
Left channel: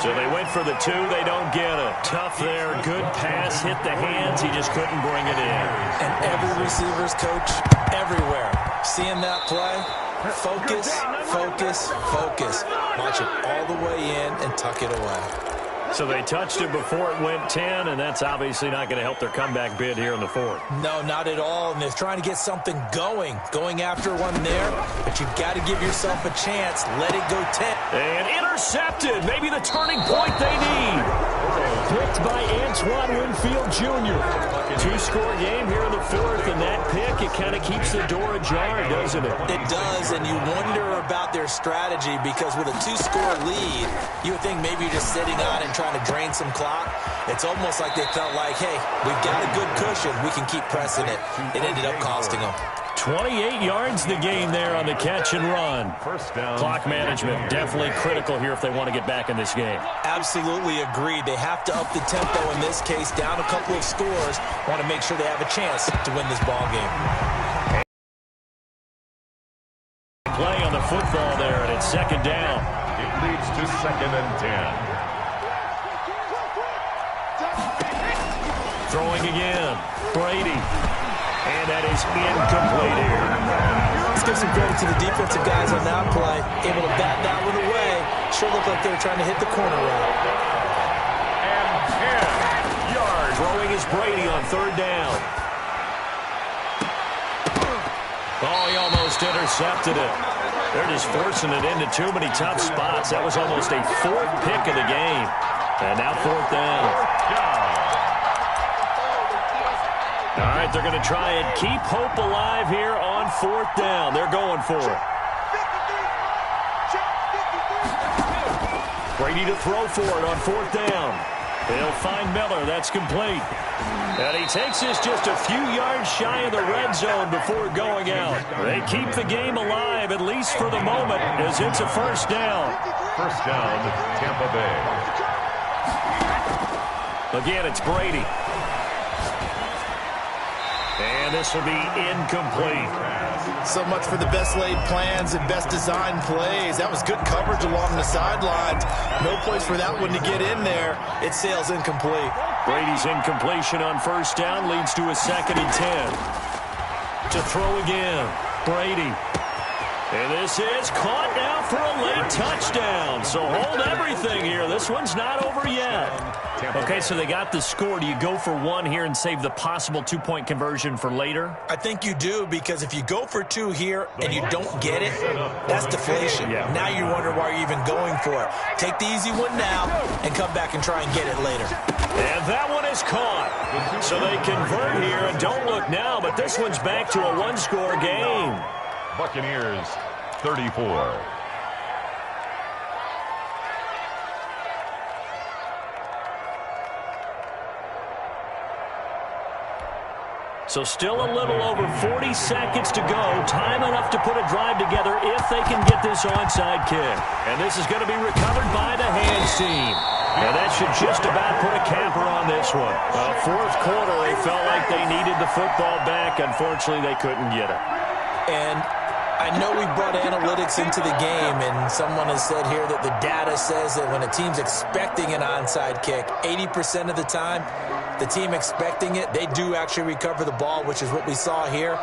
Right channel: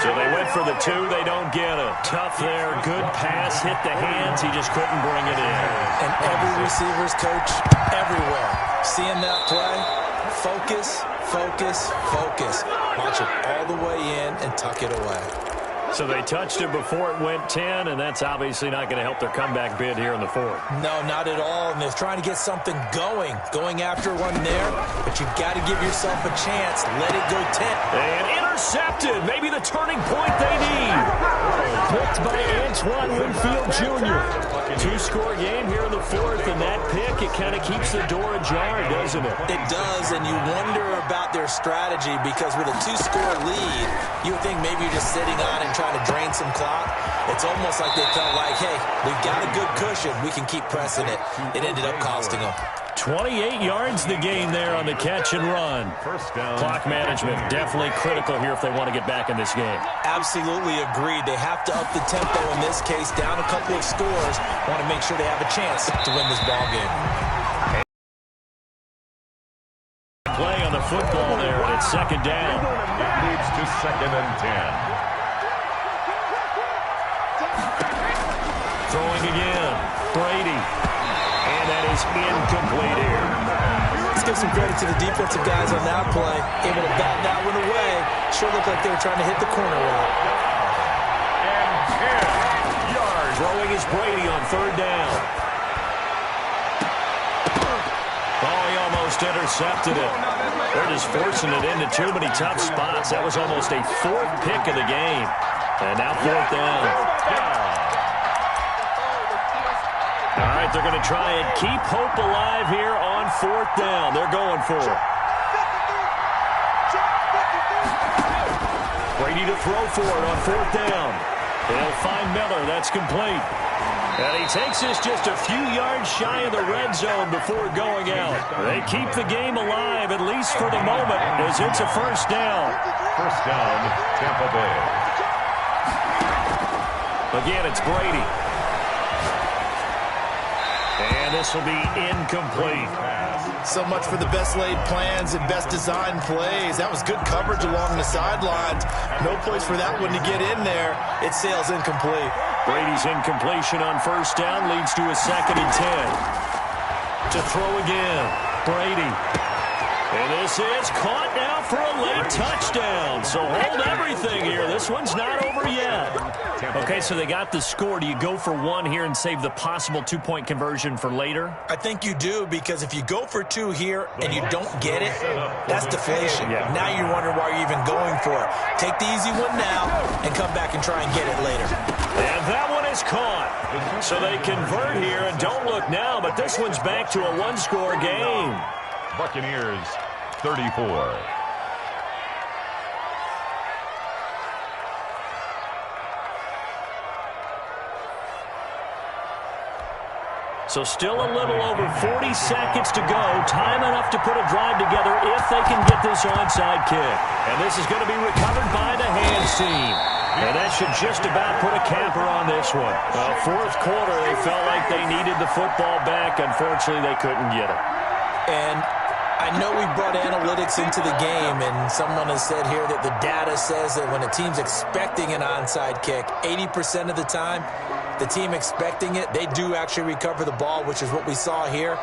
So they went for the 2. They don't get it. Tough there. Good pass. Hit the hands. He just couldn't bring it in. And every receiver's coach everywhere. Seeing that play, focus, focus, focus. Launch it all the way in and tuck it away. So they touched it before it went 10, and that's obviously not going to help their comeback bid here in the fourth. No, not at all, and they're trying to get something going after one there, but you've got to give yourself a chance. Let it go 10. And intercepted, maybe the turning point they need. Picked by Antoine Winfield Jr. Two-score game here in the fourth, and that pick, it kind of keeps the door ajar, doesn't it? It does, and you wonder about their strategy because with a two-score lead, you would think maybe you're just sitting on and trying to drain some clock. It's almost like they felt like, hey, we've got a good cushion. We can keep pressing it. It ended up costing them. 28 yards the gain there on the catch and run. First down. Clock management definitely critical here if they want to get back in this game. Absolutely agreed. They have to up the tempo in this case, down a couple of scores. Want to make sure they have a chance to win this ball game. Play on the football there, and it's second down. It leads to 2nd and 10. Throwing again. Brady. And that is incomplete here. Let's give some credit to the defensive guys on that play. Able to bat that one away. Sure looked like they were trying to hit the corner route. And 10 yards. Throwing is Brady on third down. Oh, he almost intercepted it. They're just forcing it into too many tough spots. That was almost a fourth pick of the game. And now fourth down. All right, they're going to try and keep hope alive here on fourth down. They're going for it. Brady to throw for it on fourth down. He'll find Miller. That's complete. And he takes this just a few yards shy of the red zone before going out. They keep the game alive, at least for the moment, as it's a first down. First down, Tampa Bay. Again, it's Brady. And this will be incomplete. So much for the best laid plans and best designed plays. That was good coverage along the sidelines. No place for that one to get in there. It sails incomplete. Brady's incompletion on first down leads to a 2nd and 10. To throw again, Brady. And this is caught now for a late touchdown. So hold everything here. This one's not over yet. Okay, so they got the score. Do you go for one here and save the possible two-point conversion for later? I think you do, because if you go for two here and you don't get it, that's deflation. Yeah. Now you wonder why you're even going for it. Take the easy one now and come back and try and get it later. And that one is caught. So they convert here, and don't look now, but this one's back to a one-score game. Buccaneers 34. So still a little over 40 seconds to go. Time enough to put a drive together if they can get this onside kick. And this is going to be recovered by the hands team. And that should just about put a capper on this one. Well, fourth quarter, they felt like they needed the football back. Unfortunately, they couldn't get it. And I know we brought analytics into the game, and someone has said here that the data says that when a team's expecting an onside kick, 80% of the time, the team expecting it, they do actually recover the ball, which is what we saw here.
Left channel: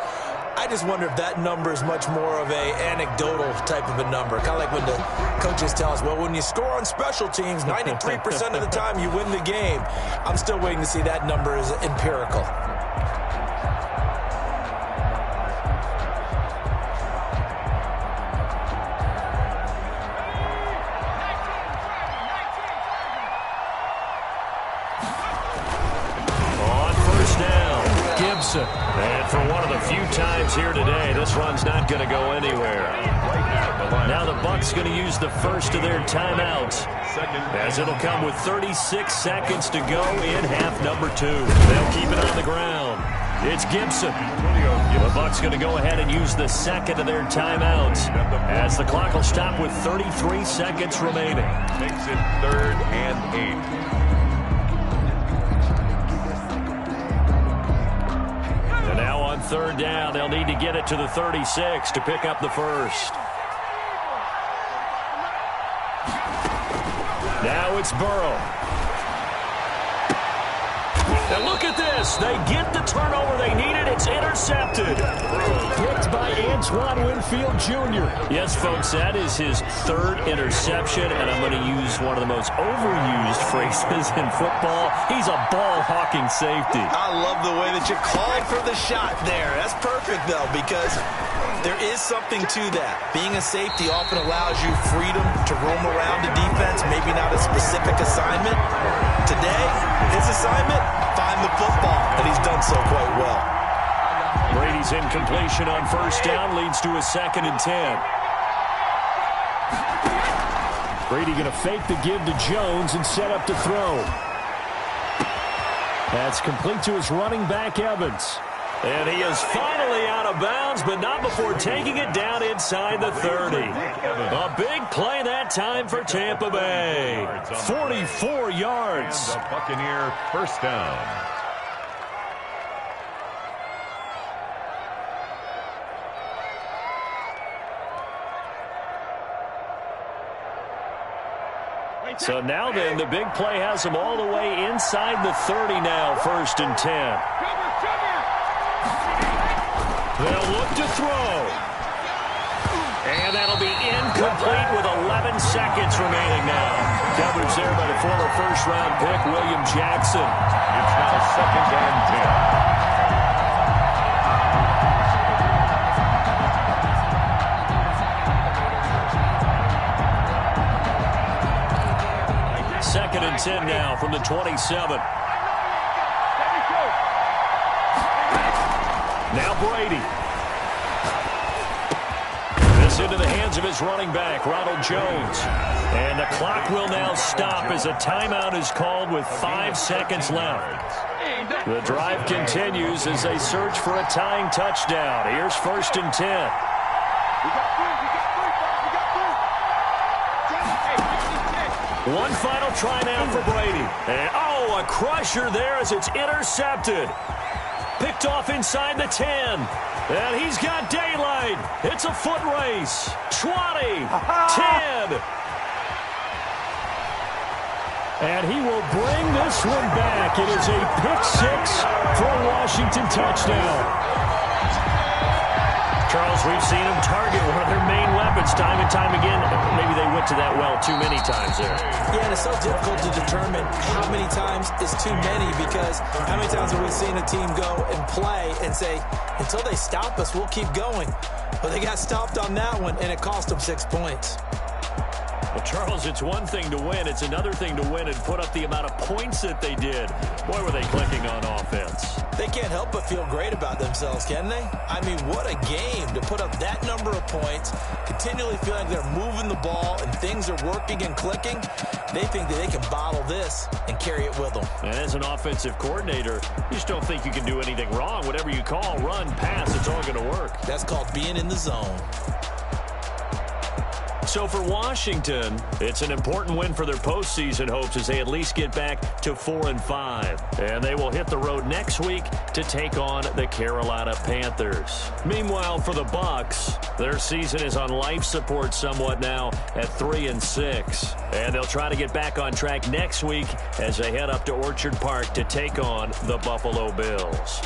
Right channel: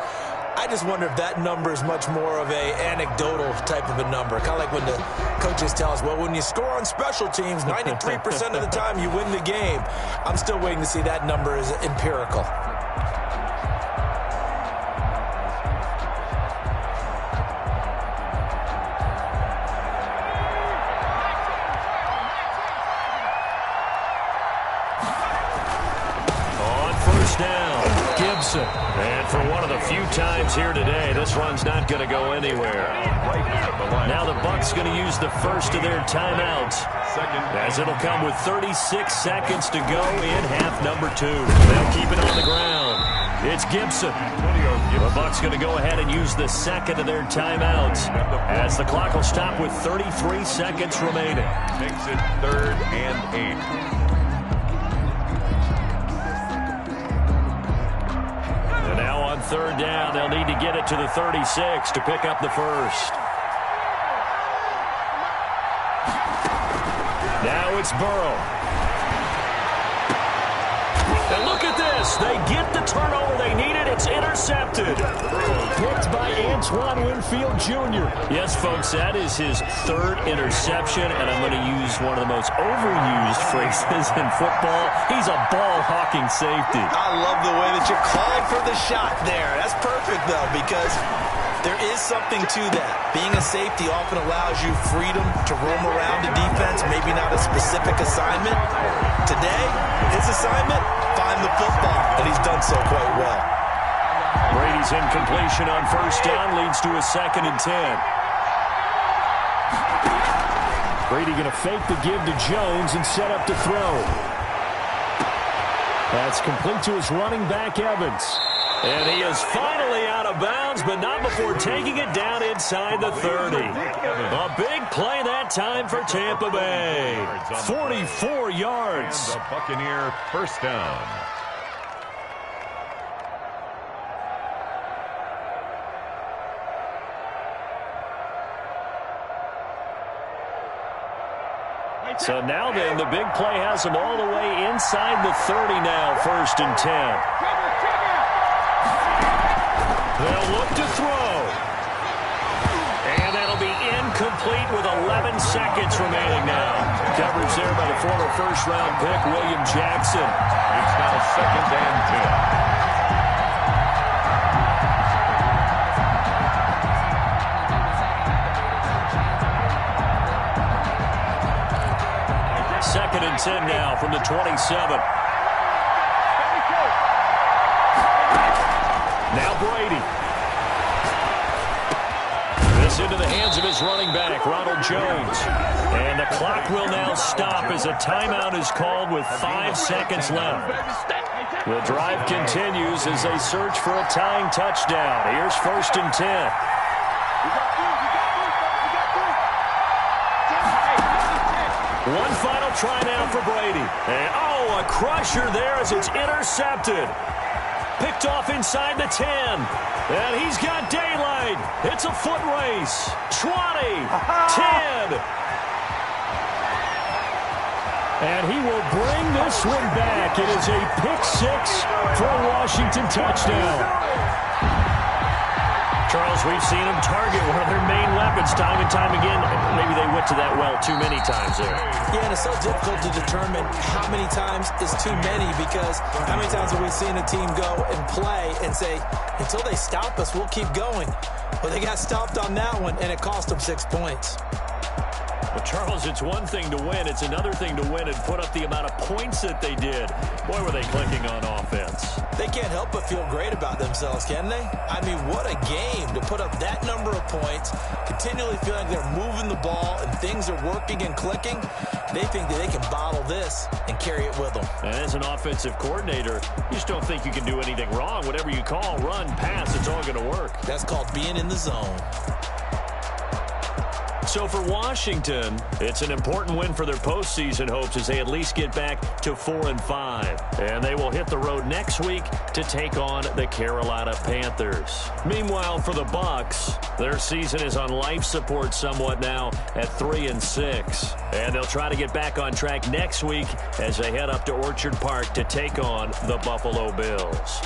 I just wonder if that number is much more of a anecdotal type of a number. Kind of like when the coaches tell us, well, when you score on special teams, 93% of the time you win the game. I'm still waiting to see that number is empirical. Down, Gibson. And for one of the few times here today, this run's not going to go anywhere. Now the Bucs going to use the first of their timeouts, as it'll come with 36 seconds to go in half number 2. They'll keep it on the ground. It's Gibson. The Bucs going to go ahead and use the second of their timeouts, as the clock will stop with 33 seconds remaining. Makes it 3rd and 8. And now on third down, they'll need to get it to the 36 to pick up the first. Now it's Burrow. And look at this. They get the turnover they needed. It's intercepted. Picked by Antoine Winfield Jr. Yes, folks, that is his third interception, and I'm going to use one of the most overused phrases in football. He's a ball-hawking safety. I love the way that you called for the shot there. That's perfect, though, because there is something to that. Being a safety often allows you freedom to roam around the defense, maybe not a specific assignment. Today, his assignment, find the football, and he's done so quite well. Brady's incompletion on first down leads to a 2nd and 10. Brady going to fake the give to Jones and set up to throw. That's complete to his running back, Evans. And he is finally out of bounds, but not before taking it down inside the 30. A big play that time for Tampa Bay. 44 yards. And the Buccaneer first down. So now then, the big play has them all the way inside the 30 now, 1st and 10. They'll look to throw. And that'll be incomplete with 11 seconds remaining now. Coverage there by the former first-round pick, William Jackson. It's now 2nd and 10. 2nd and 10 now from the 27. Now Brady. This into the hands of his running back, Ronald Jones. And the clock will now stop as a timeout is called with 5 seconds left. The drive continues as they search for a tying touchdown. Here's 1st and 10. One final try now for Brady. And, oh, a crusher there as it's intercepted. Picked off inside the 10. And he's got daylight. It's a foot race. 20, 10. And he will bring this one back. It is a pick-6 for a Washington touchdown. Charles, we've seen them target one of their main weapons time and time again. Maybe they went to that well too many times there. Yeah, and it's so difficult to determine how many times is too many, because how many times have we seen a team go and play and say, until they stop us, we'll keep going. Well, they got stopped on that one, and it cost them 6 points. Well, Charles, it's one thing to win. It's another thing to win and put up the amount of points that they did. Boy, were they clicking on offense. They can't help but feel great about themselves, can they? I mean, what a game to put up that number of points, continually feeling they're moving the ball and things are working and clicking. They think that they can bottle this and carry it with them. And as an offensive coordinator, you just don't think you can do anything wrong. Whatever you call, run, pass, it's all going to work. That's called being in the zone. So for Washington, it's an important win for their postseason hopes as they at least get back to 4-5. And they will hit the road next week to take on the Carolina Panthers. Meanwhile, for the Bucs, their season is on life support somewhat now at 3-6. And they'll try to get back on track next week as they head up to Orchard Park to take on the Buffalo Bills.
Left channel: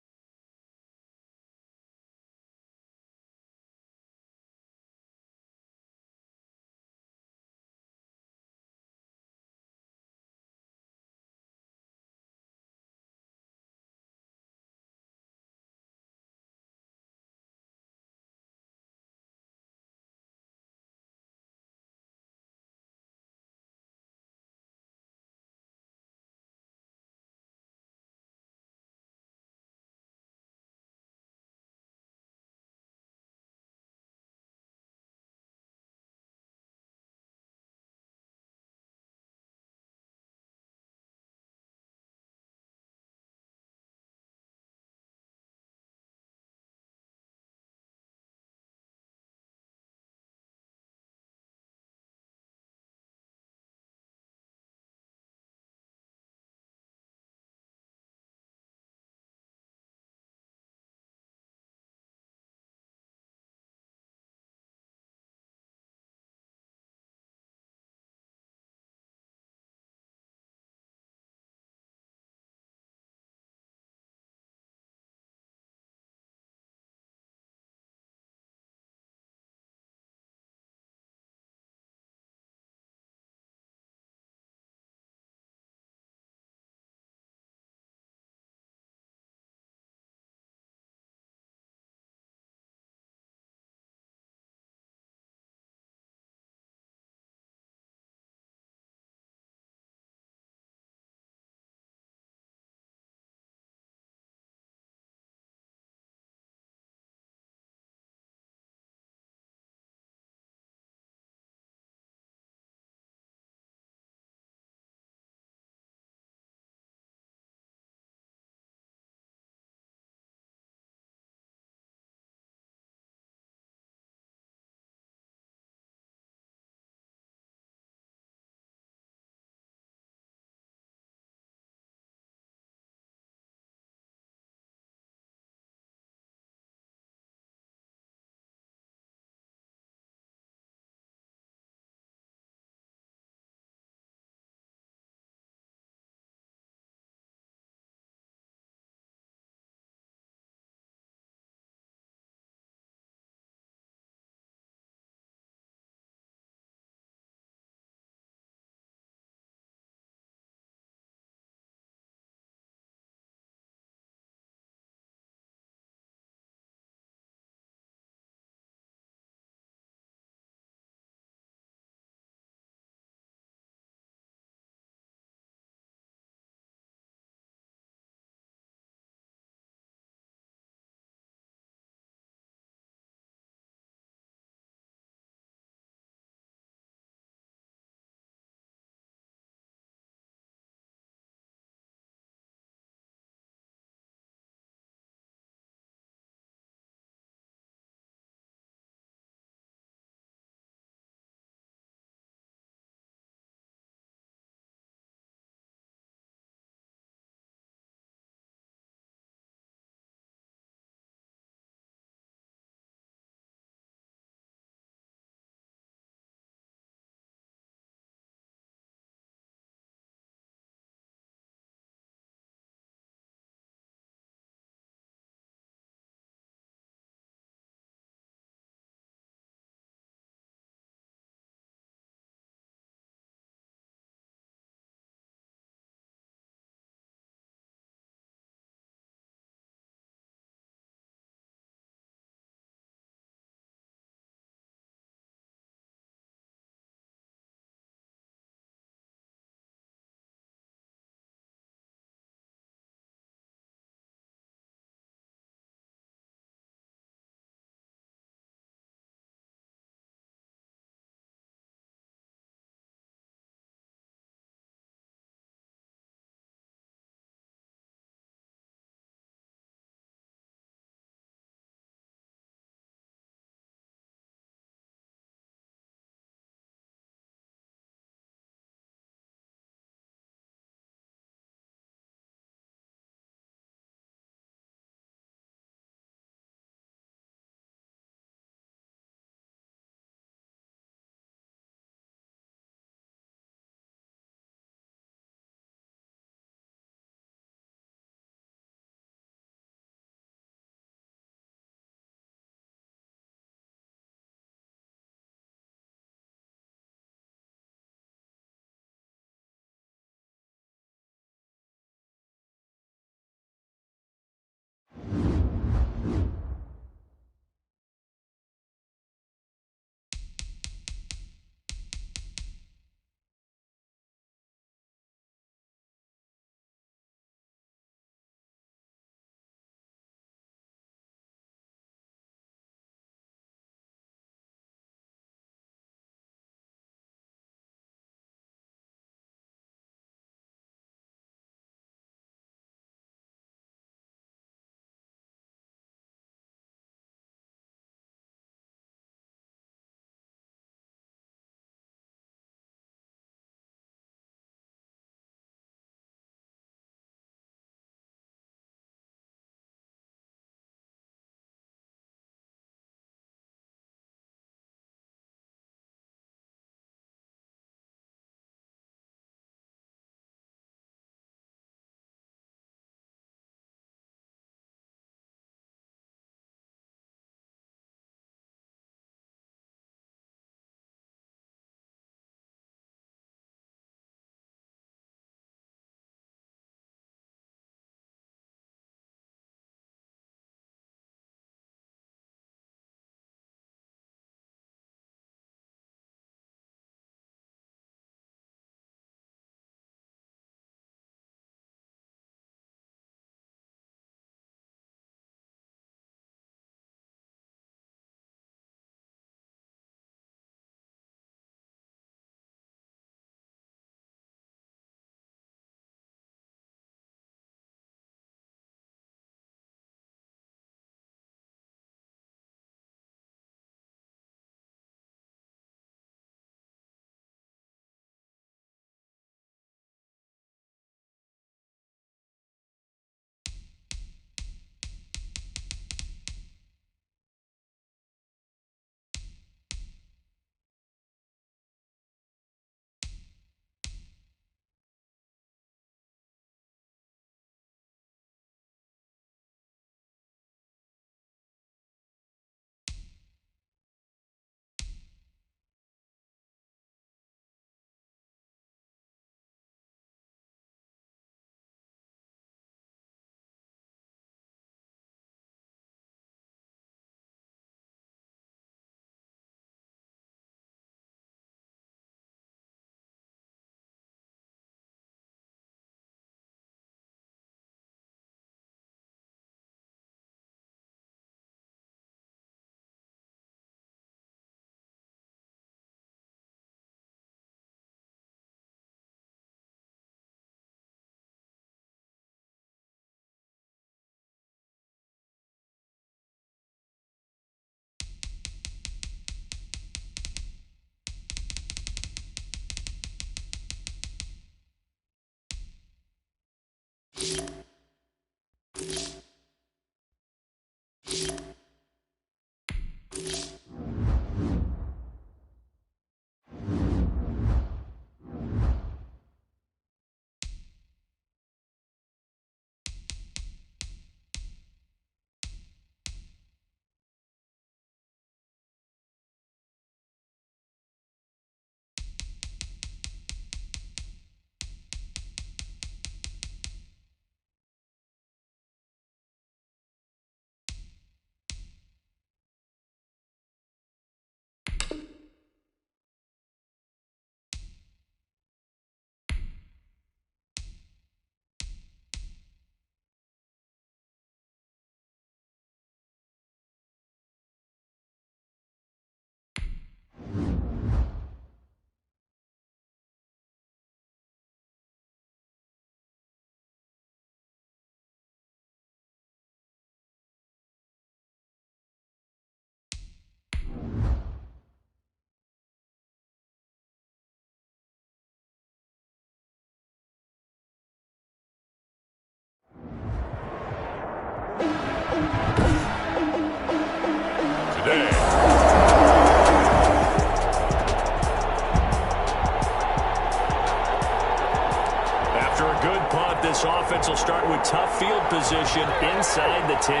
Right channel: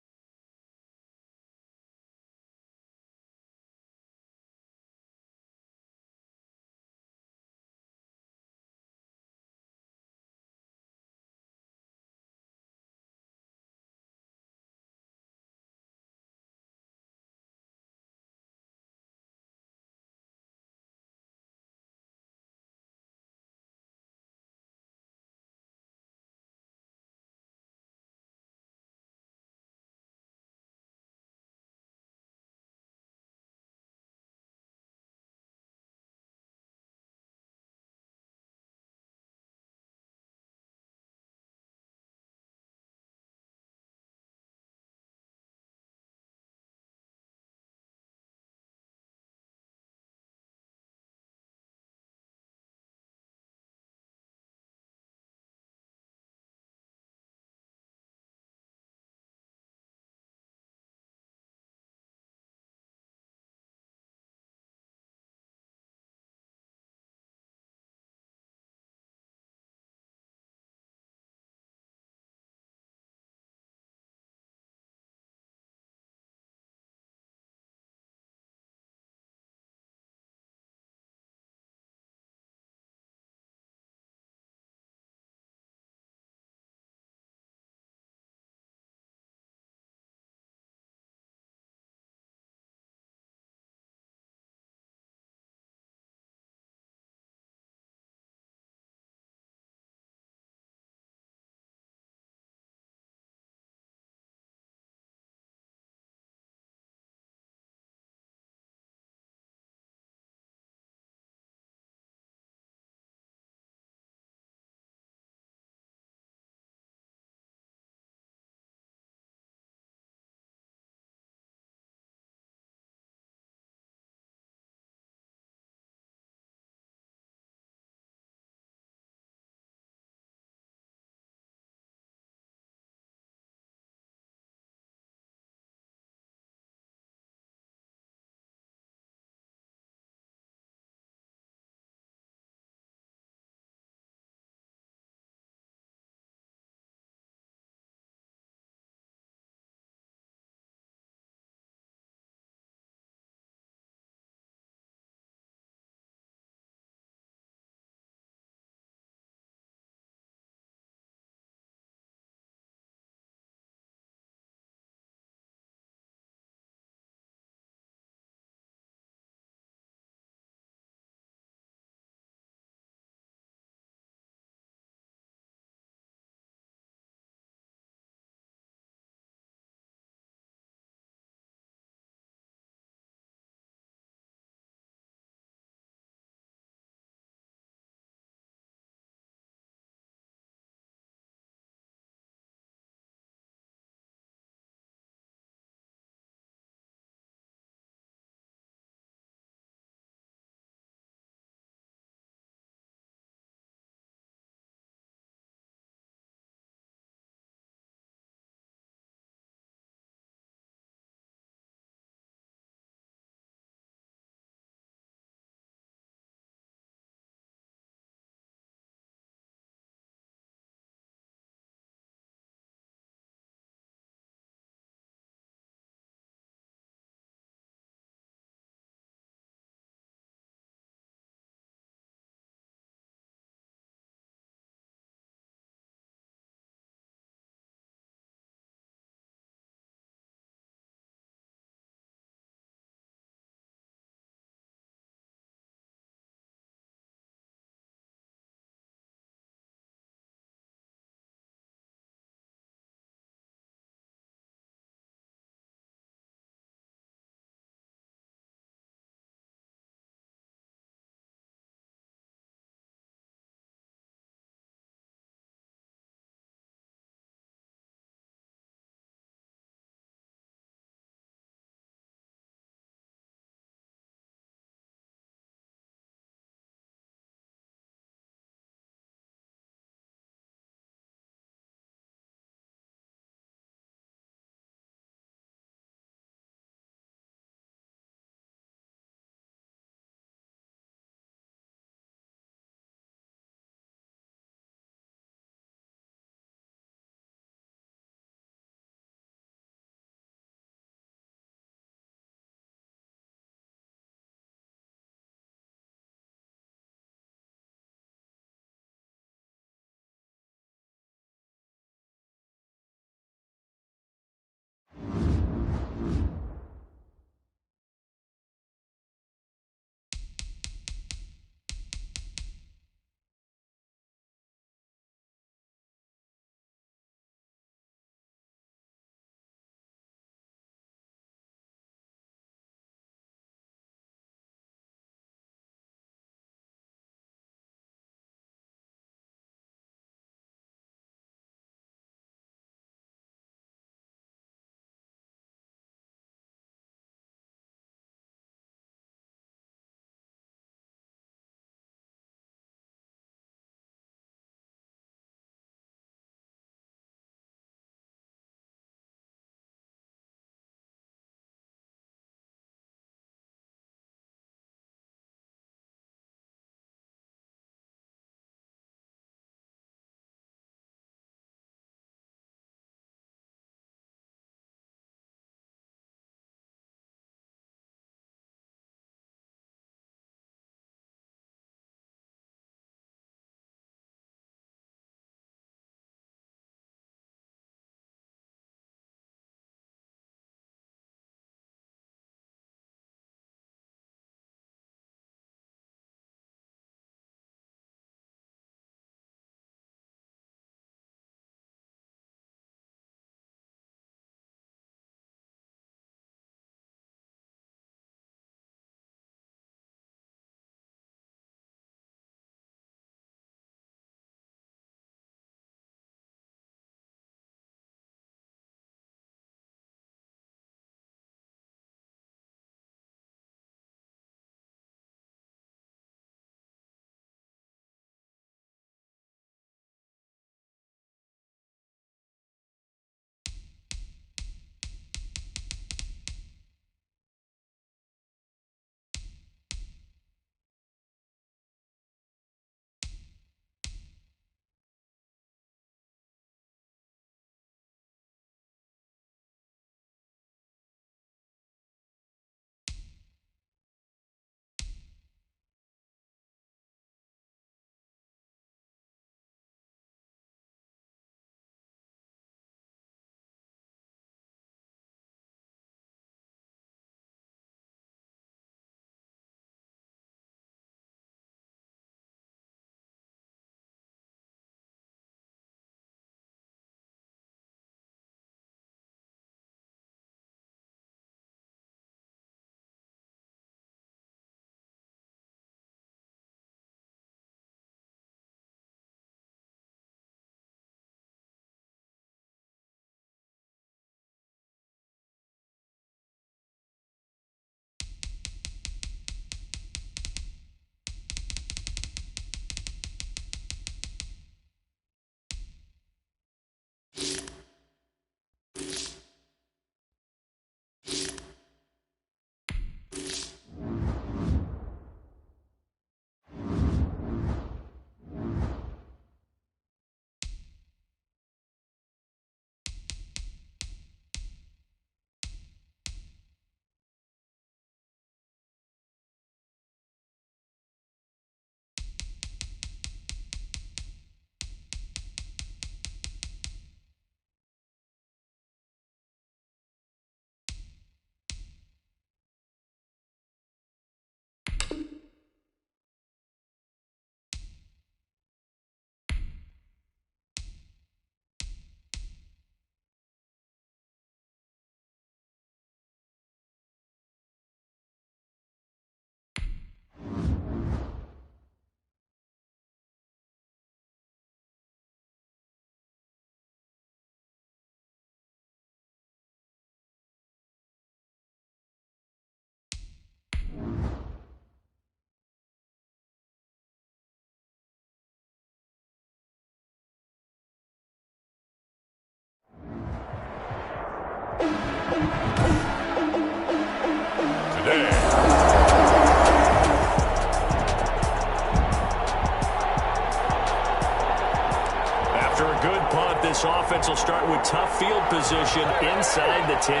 This offense will start with tough field position inside the 10.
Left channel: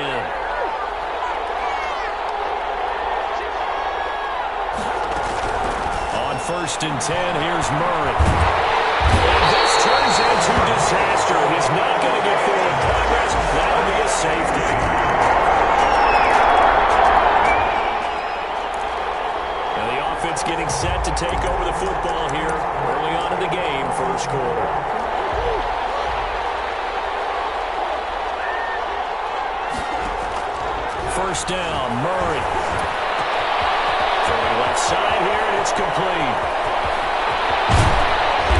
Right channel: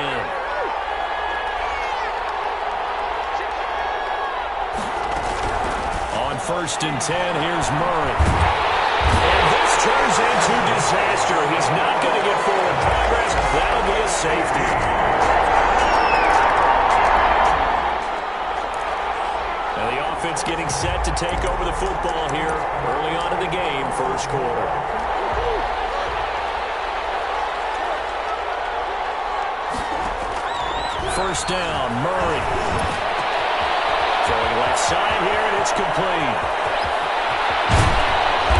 On 1st and 10, here's Murray. And this turns into disaster. He's not going to get forward progress. That'll be a safety. Now the offense getting set to take over the football here early on in the game, first quarter. First down, Murray. Throwing left side here, and it's complete.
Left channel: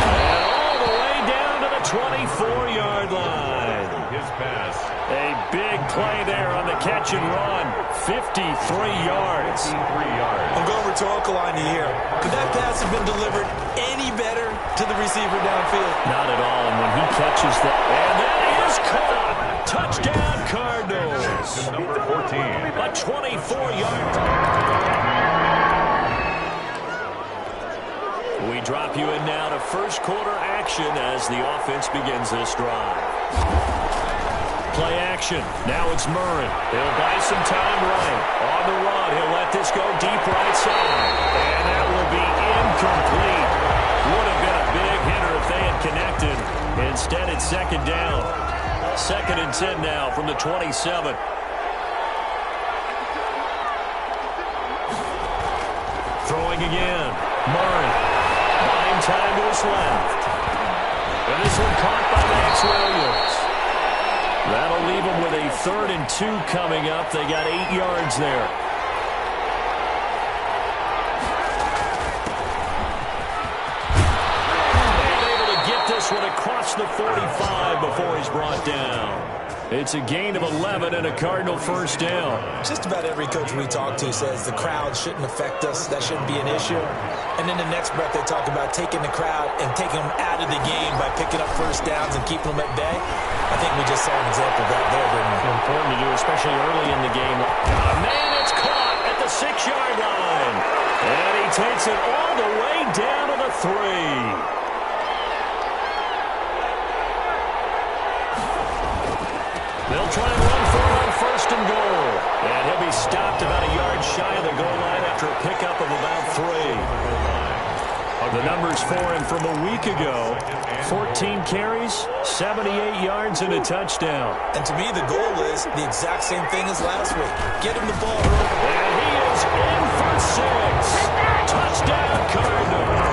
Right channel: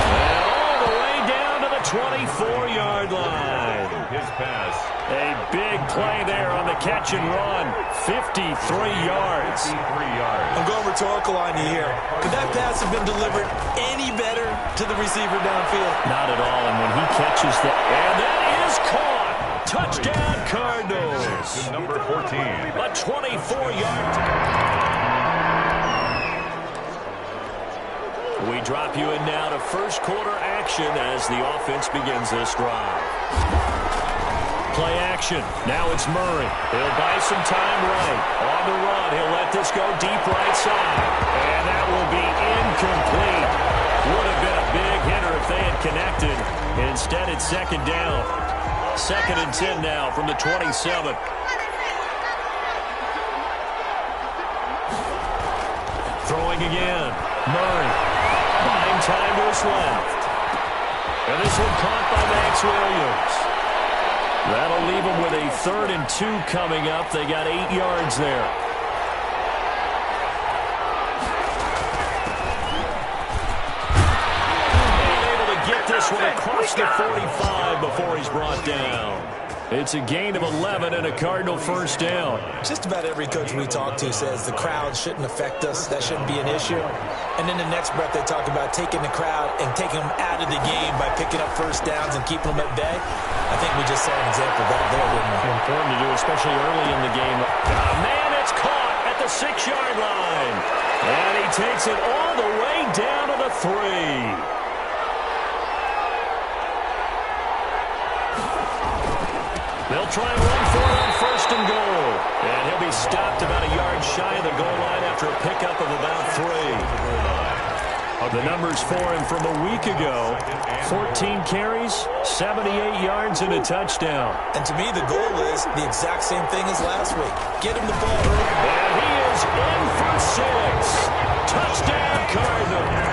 And all the way down to the 24-yard line. His pass. A big play there on the catch and run. 53 yards. 53 yards. I'm going rhetorical on you here. Could that pass have been delivered any better to the receiver downfield? Not at all, and when he catches that, and that is caught. Touchdown, Cardinals. To number 14. A 24-yard. We drop you in now to first quarter action as the offense begins this drive. Play action. Now it's Murray. He'll buy some time right. On the run, he'll let this go deep right side. And that will be incomplete. Would have been a big hitter if they had connected. Instead, it's second down. 2nd and 10 now from the 27. Throwing again. Murray. Buying time to his left. And this one caught by Max Williams. That'll leave them with a 3rd and 2 coming up. They got 8 yards there. And able to get this one across the 45 before he's brought down. It's a gain of 11 and a Cardinal first down. Just about every coach we talk to says the crowd shouldn't affect us. That shouldn't be an issue. And then the next breath they talk about taking the crowd and taking them out of the game by picking up first downs and keeping them at bay. I think we just saw an example of that there, didn't we? Important to do, especially early in the game. Man, it's caught at the 6-yard line. And he takes it all the way down to the 3. They'll try and run for it on 1st and goal. And he'll be stopped about a yard shy of the goal line after a pickup of about 3. The numbers for him from a week ago, 14 carries, 78 yards, and a touchdown. And to me, the goal is the exact same thing as last week. Get him the ball early. And he is in for 6. Touchdown, Cardinals.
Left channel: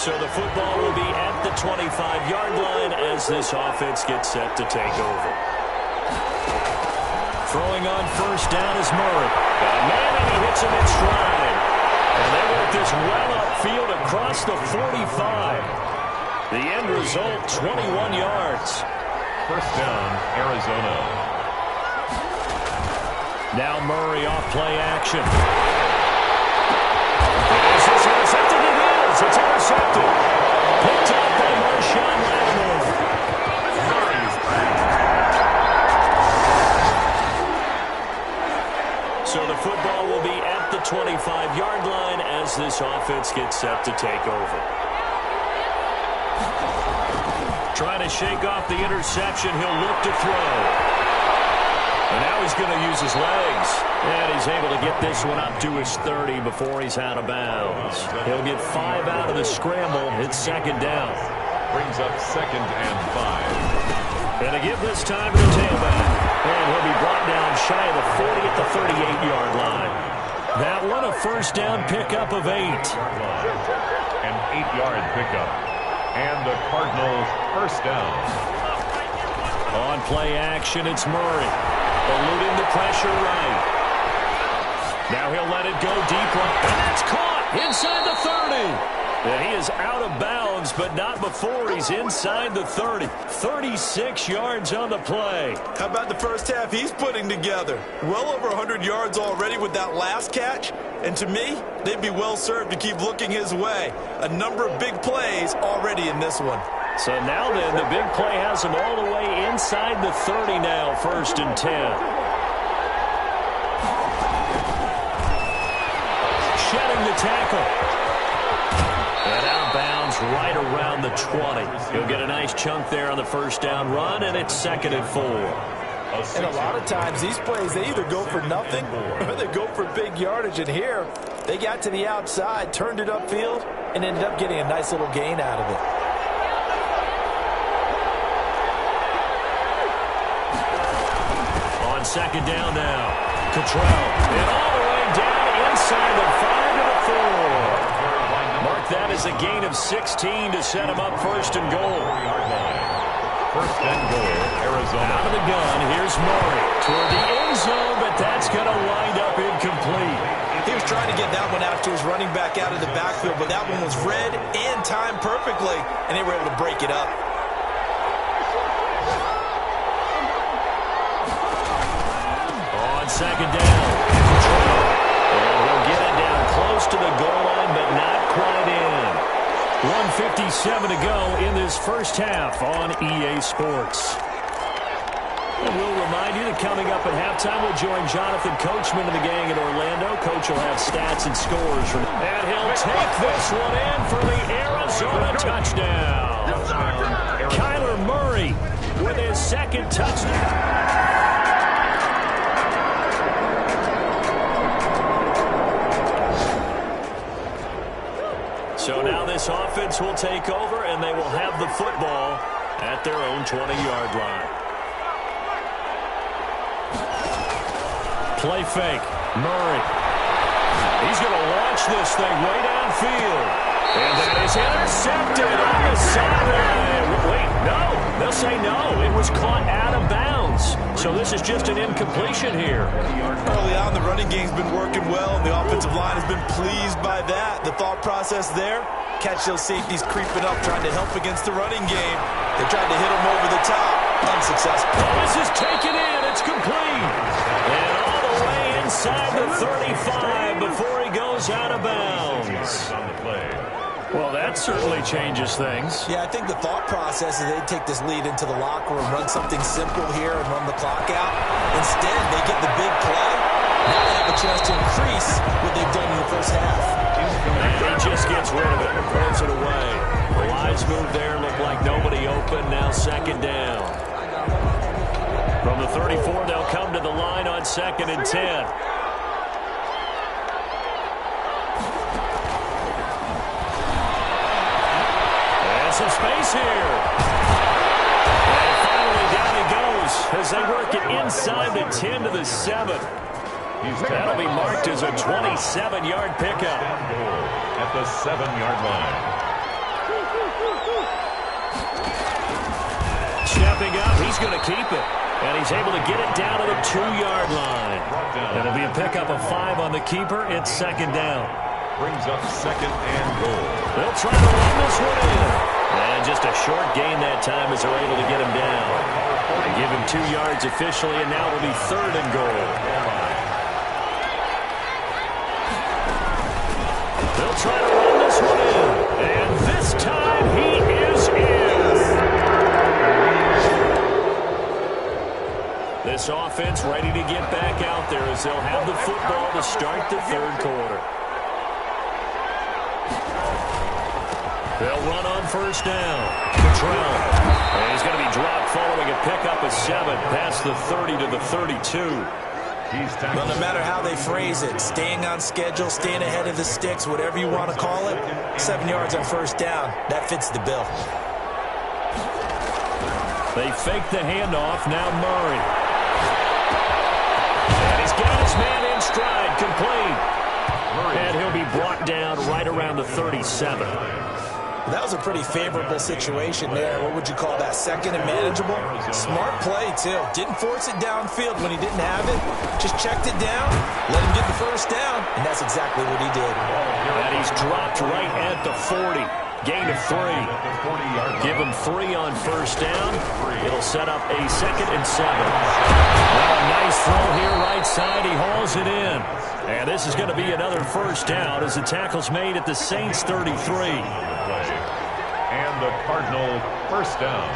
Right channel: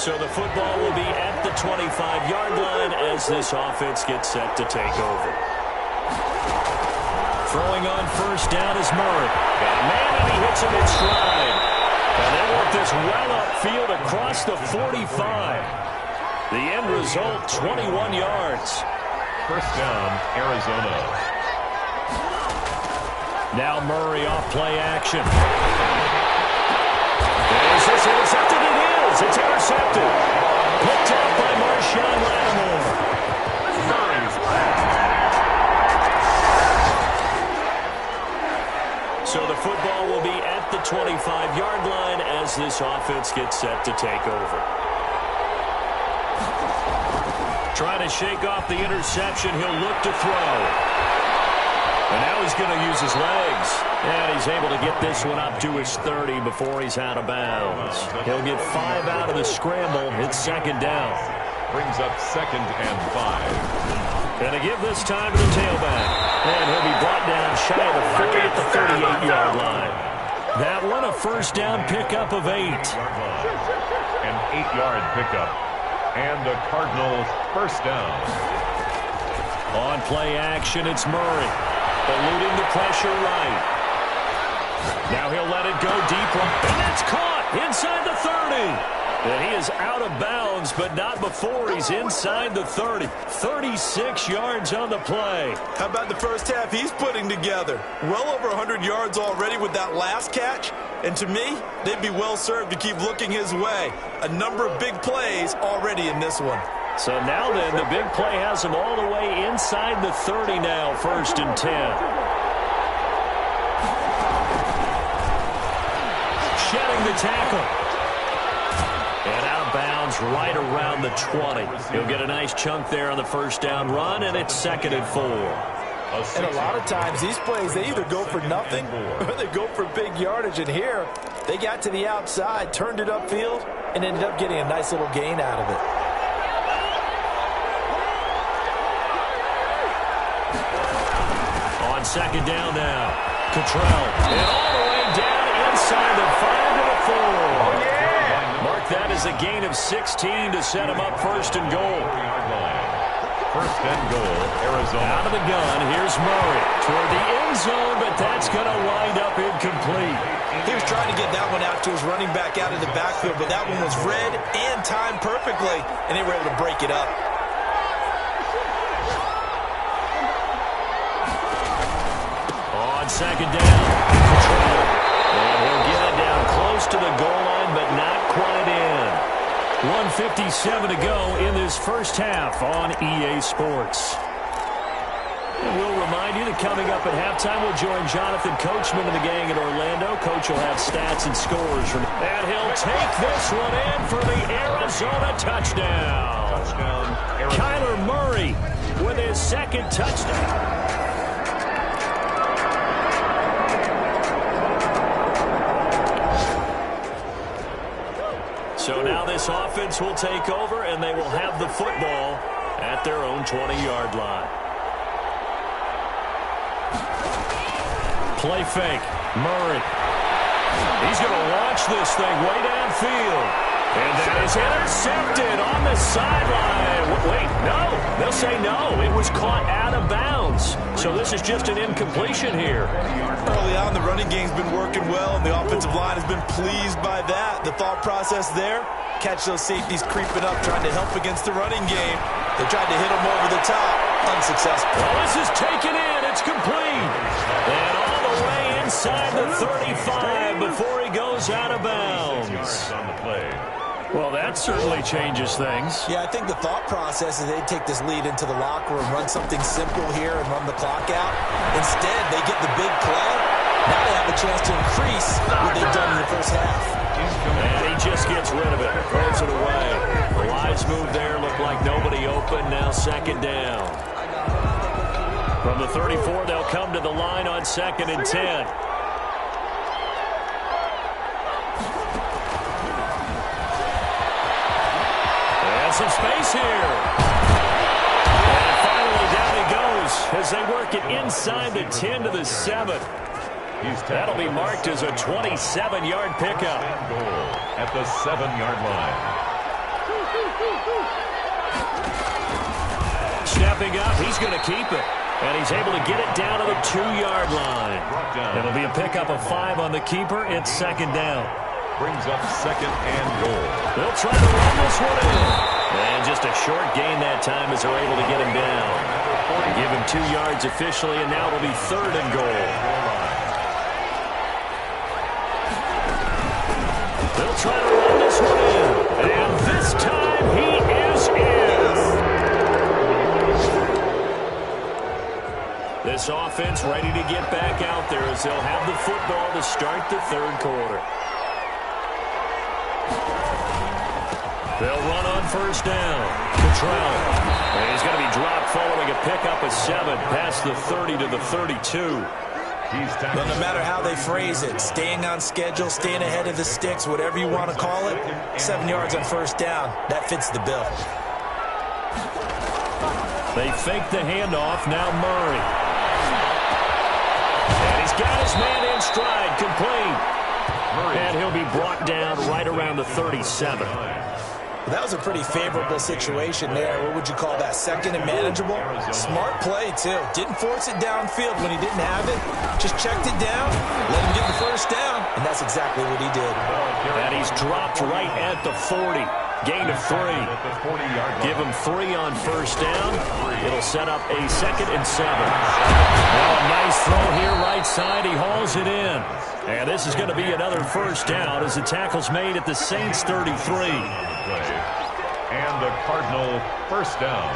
So the football will be at the 25-yard line as this offense gets set to take over. Throwing on first down is Murray. Got a man, and he hits him in stride. And they work this well upfield across the 45. The end result, 21 yards. First down, Arizona. Now Murray off play action. Is this intercepted? It is. It's intercepted. Picked off by Marshawn Lattimore. Murray's back. So the football will be at the 25-yard line as this offense gets set to take over. Trying to shake off the interception. He'll look to throw. And now he's going to use his legs. And he's able to get this one up to his 30 before he's out of bounds. He'll get 5 out of the scramble. It's second down. Brings up 2nd and 5. And to give this time to the tailback. And he'll be brought down shy of the 40 at the 38-yard line. That one a first down pickup of 8. An 8-yard pickup. And the Cardinals first down. On play action, it's Murray. Eluding the pressure right. Now he'll let it go deep right. And that's caught inside the 30. And he is out of bounds, but not before he's inside the 30. 36 yards on the play. How about the first half he's putting together? Well over 100 yards already with that last catch. And to me, they'd be well served to keep looking his way. A number of big plays already in this one. So now then, the big play has him all the way inside the 30 now, 1st and 10. Shedding the tackle. And out of bounds right around the 20. He'll get a nice chunk there on the first down run, and it's 2nd and 4. And a lot of times these plays, they either go for nothing or they go for big yardage. And here, they got to the outside, turned it upfield, and ended up getting a nice little gain out of it. On 2nd down now, Cottrell. And all the way down inside the 5 to the 4. Mark that as a gain of 16 to set him up 1st and goal. 1st and goal, Arizona. Out of the gun, here's Murray toward the end zone, but that's going to wind up incomplete. He was trying to get that one out to his running back out of the backfield, but that one was read and timed perfectly, and they were able to break it up. On 2nd down, Cottrell. And he'll get it down close to the goal line, but not quite in. 1:57 to go in this first half on EA Sports. And we'll remind you that coming up at halftime, we'll join Jonathan Coachman and the gang in Orlando. Coach will have stats and scores. And he'll take this one in for the Arizona touchdown. Kyler Murray with his 2nd touchdown. So now this offense will take over, and they will have the football at their own 20-yard line. Play fake. Murray. He's going to launch this thing way downfield. And that is intercepted on the sideline. Wait, no. They'll say no. It was caught out of bounds. So this is just an incompletion here. Early on, the running game's been working well, and the offensive line has been pleased by that. The thought process there, catch those safeties creeping up, trying to help against the running game. They tried to hit them over the top. Unsuccessful. Well, this is taken in. It's complete. And all the way inside the 35 before he goes out of bounds. On the play. Well, that certainly changes things. Yeah, I think the thought process is they'd take this lead into the locker room, run something simple here and run the clock out. Instead, they get the big play. Now they have a chance to increase what they've done in the first half. And he just gets rid of it, throws it away. The wise move there, looked like nobody open. Now 2nd down. From the 34, they'll come to the line on 2nd and 10. Some space here. And finally down he goes as they work it inside the 10 to the 7. That'll be marked as a 27-yard pickup. Goal at the 7-yard line. Stepping up, he's going to keep it. And he's able to get it down to the 2-yard line. It'll be a pickup of 5 on the keeper. It's 2nd down. Brings up 2nd and goal. They'll try to run this one in. And just a short gain that time as they're able to get him down. They give him 2 yards officially, and now it'll be 3rd and goal. They'll try to run this one in. And this time he is in. This offense ready to get back out there as they'll have the football to start the 3rd quarter. They'll run on 1st down. Cottrell. And he's going to be dropped following a pickup of 7 past the 30 to the 32. Well, no matter how they phrase it, staying on schedule, staying ahead of the sticks, whatever you want to call it, 7 yards on 1st down, that fits the bill. They fake the handoff. Now Murray. And he's got his man in stride, complete. And he'll be brought down right around the 37. That was a pretty favorable situation there. What would you call that? 2nd and manageable? Smart play, too. Didn't force it downfield when he didn't have it. Just checked it down, let him get the 1st down, and that's exactly what he did. And he's dropped right at the 40. Gain of 3. Give him 3 on 1st down. It'll set up a 2nd and 7. Well, a nice throw here right side. He hauls it in. And this is going to be another 1st down as the tackle's made at the Saints 33. And the Cardinal 1st down.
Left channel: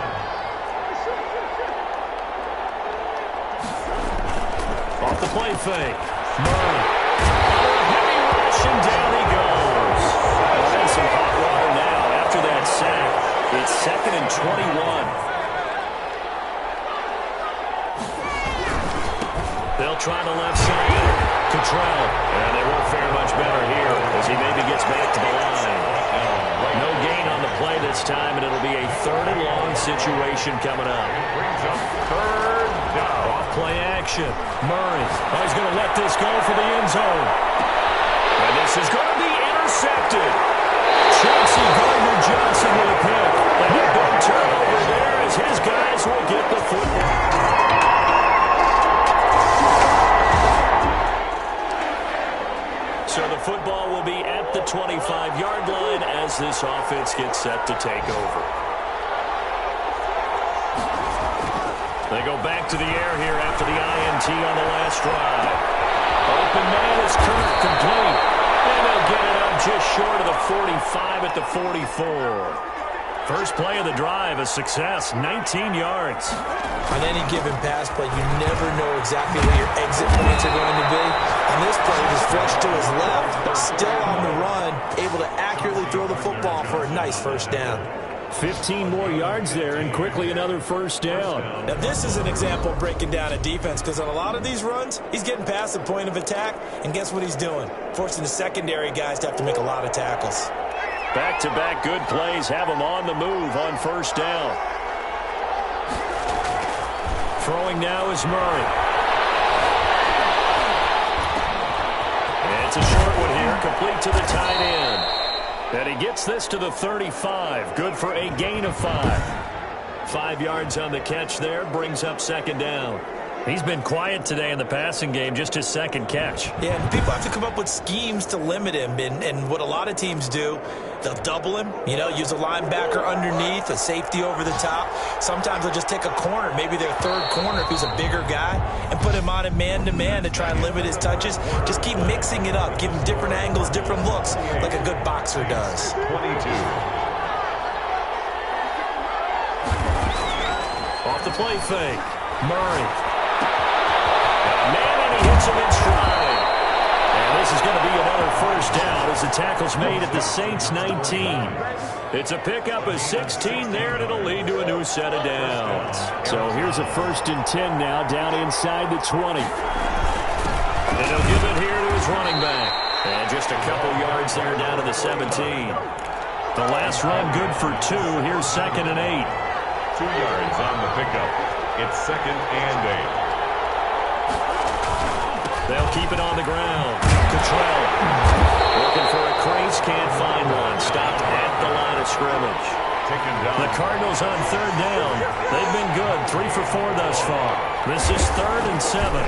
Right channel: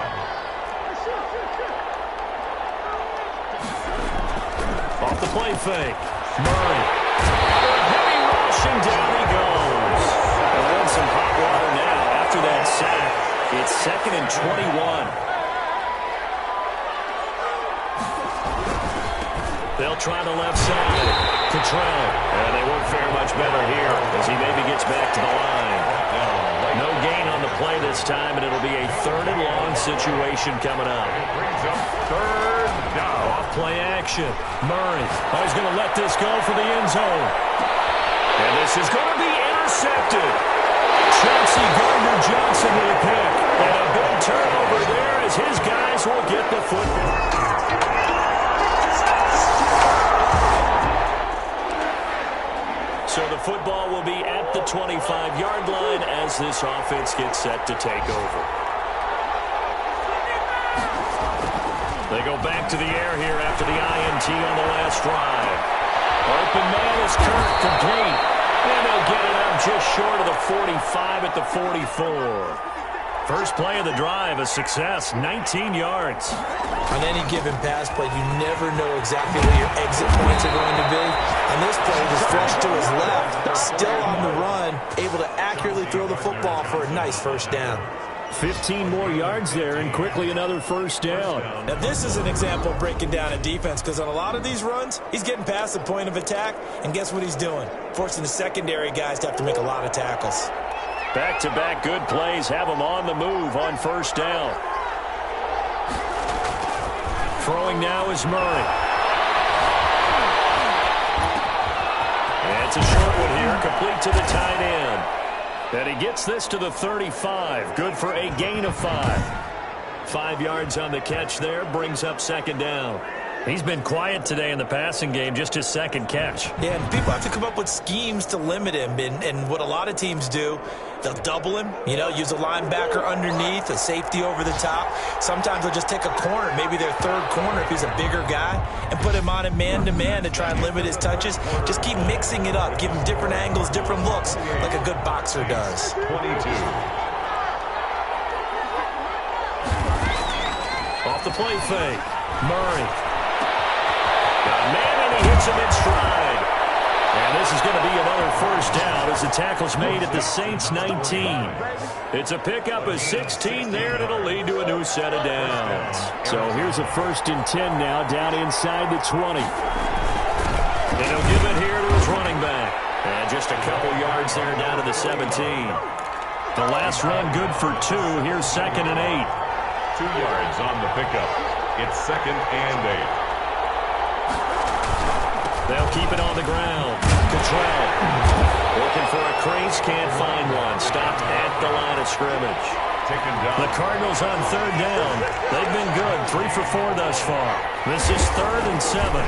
Off the play fake. Murray. Under a heavy rush, and down he goes. And some pop water now after that sack. It's 2nd and 21. They'll try the left side. Cottrell. And they won't fare much better here as he maybe gets back to the line. No gain on the play this time, and it'll be a 3rd and long situation coming up. It brings up 3rd down. Off play action. Murray. Oh, he's going to let this go for the end zone. And this is going to be intercepted. Chauncey Gardner-Johnson with a pick. And a big turnover there as his guys will get the football. So the football will be at the 25-yard line as this offense gets set to take over. They go back to the air here after the INT on the last drive. Open man is Kirk, complete. And they'll get it up just short of the 45 at the 44. First play of the drive, a success, 19 yards. On any given pass play, you never know exactly where your exit points are going to be. On this play, just flushed to his left, still on the run, able to accurately throw the football for a nice first down. 15 more yards there, and quickly another first down. Now, this is an example of breaking down a defense, because on a lot of these runs, he's getting past the point of attack, and guess what he's doing? Forcing the secondary guys to have to make a lot of tackles. Back-to-back good plays have them on the move on first down. Throwing now is Murray. And it's a short one here, complete to the tight end. And he gets this to the 35. Good for a gain of 5. 5 yards on the catch there, brings up 2nd down. He's been quiet today in the passing game, just his 2nd catch. Yeah, and people have to come up with schemes to limit him. And what a lot of teams do, they'll double him, use a linebacker underneath, a safety over the top. Sometimes they'll just take a corner, maybe their 3rd corner if he's a bigger guy, and put him on a man-to-man to try and limit his touches. Just keep mixing it up, give him different angles, different looks, like a good boxer does. 22. Off the play fake, Murray. Got a man, and he hits him in stride. And this is going to be another first down as the tackle's made at the Saints 19. It's a pickup of 16 there, and it'll lead to a new set of downs. So here's a 1st and 10 now, down inside the 20. And he'll give it here to his running back. And just a couple yards there down to the 17. The last run good for 2. Here's 2nd and 8. 2 yards on the pickup. It's 2nd and 8. They'll keep it on the ground. Cottrell looking for a crease, can't find one. Stopped at the line of scrimmage. Taken down. The Cardinals on 3rd down. They've been good, 3 for 4 thus far. This is 3rd and 7.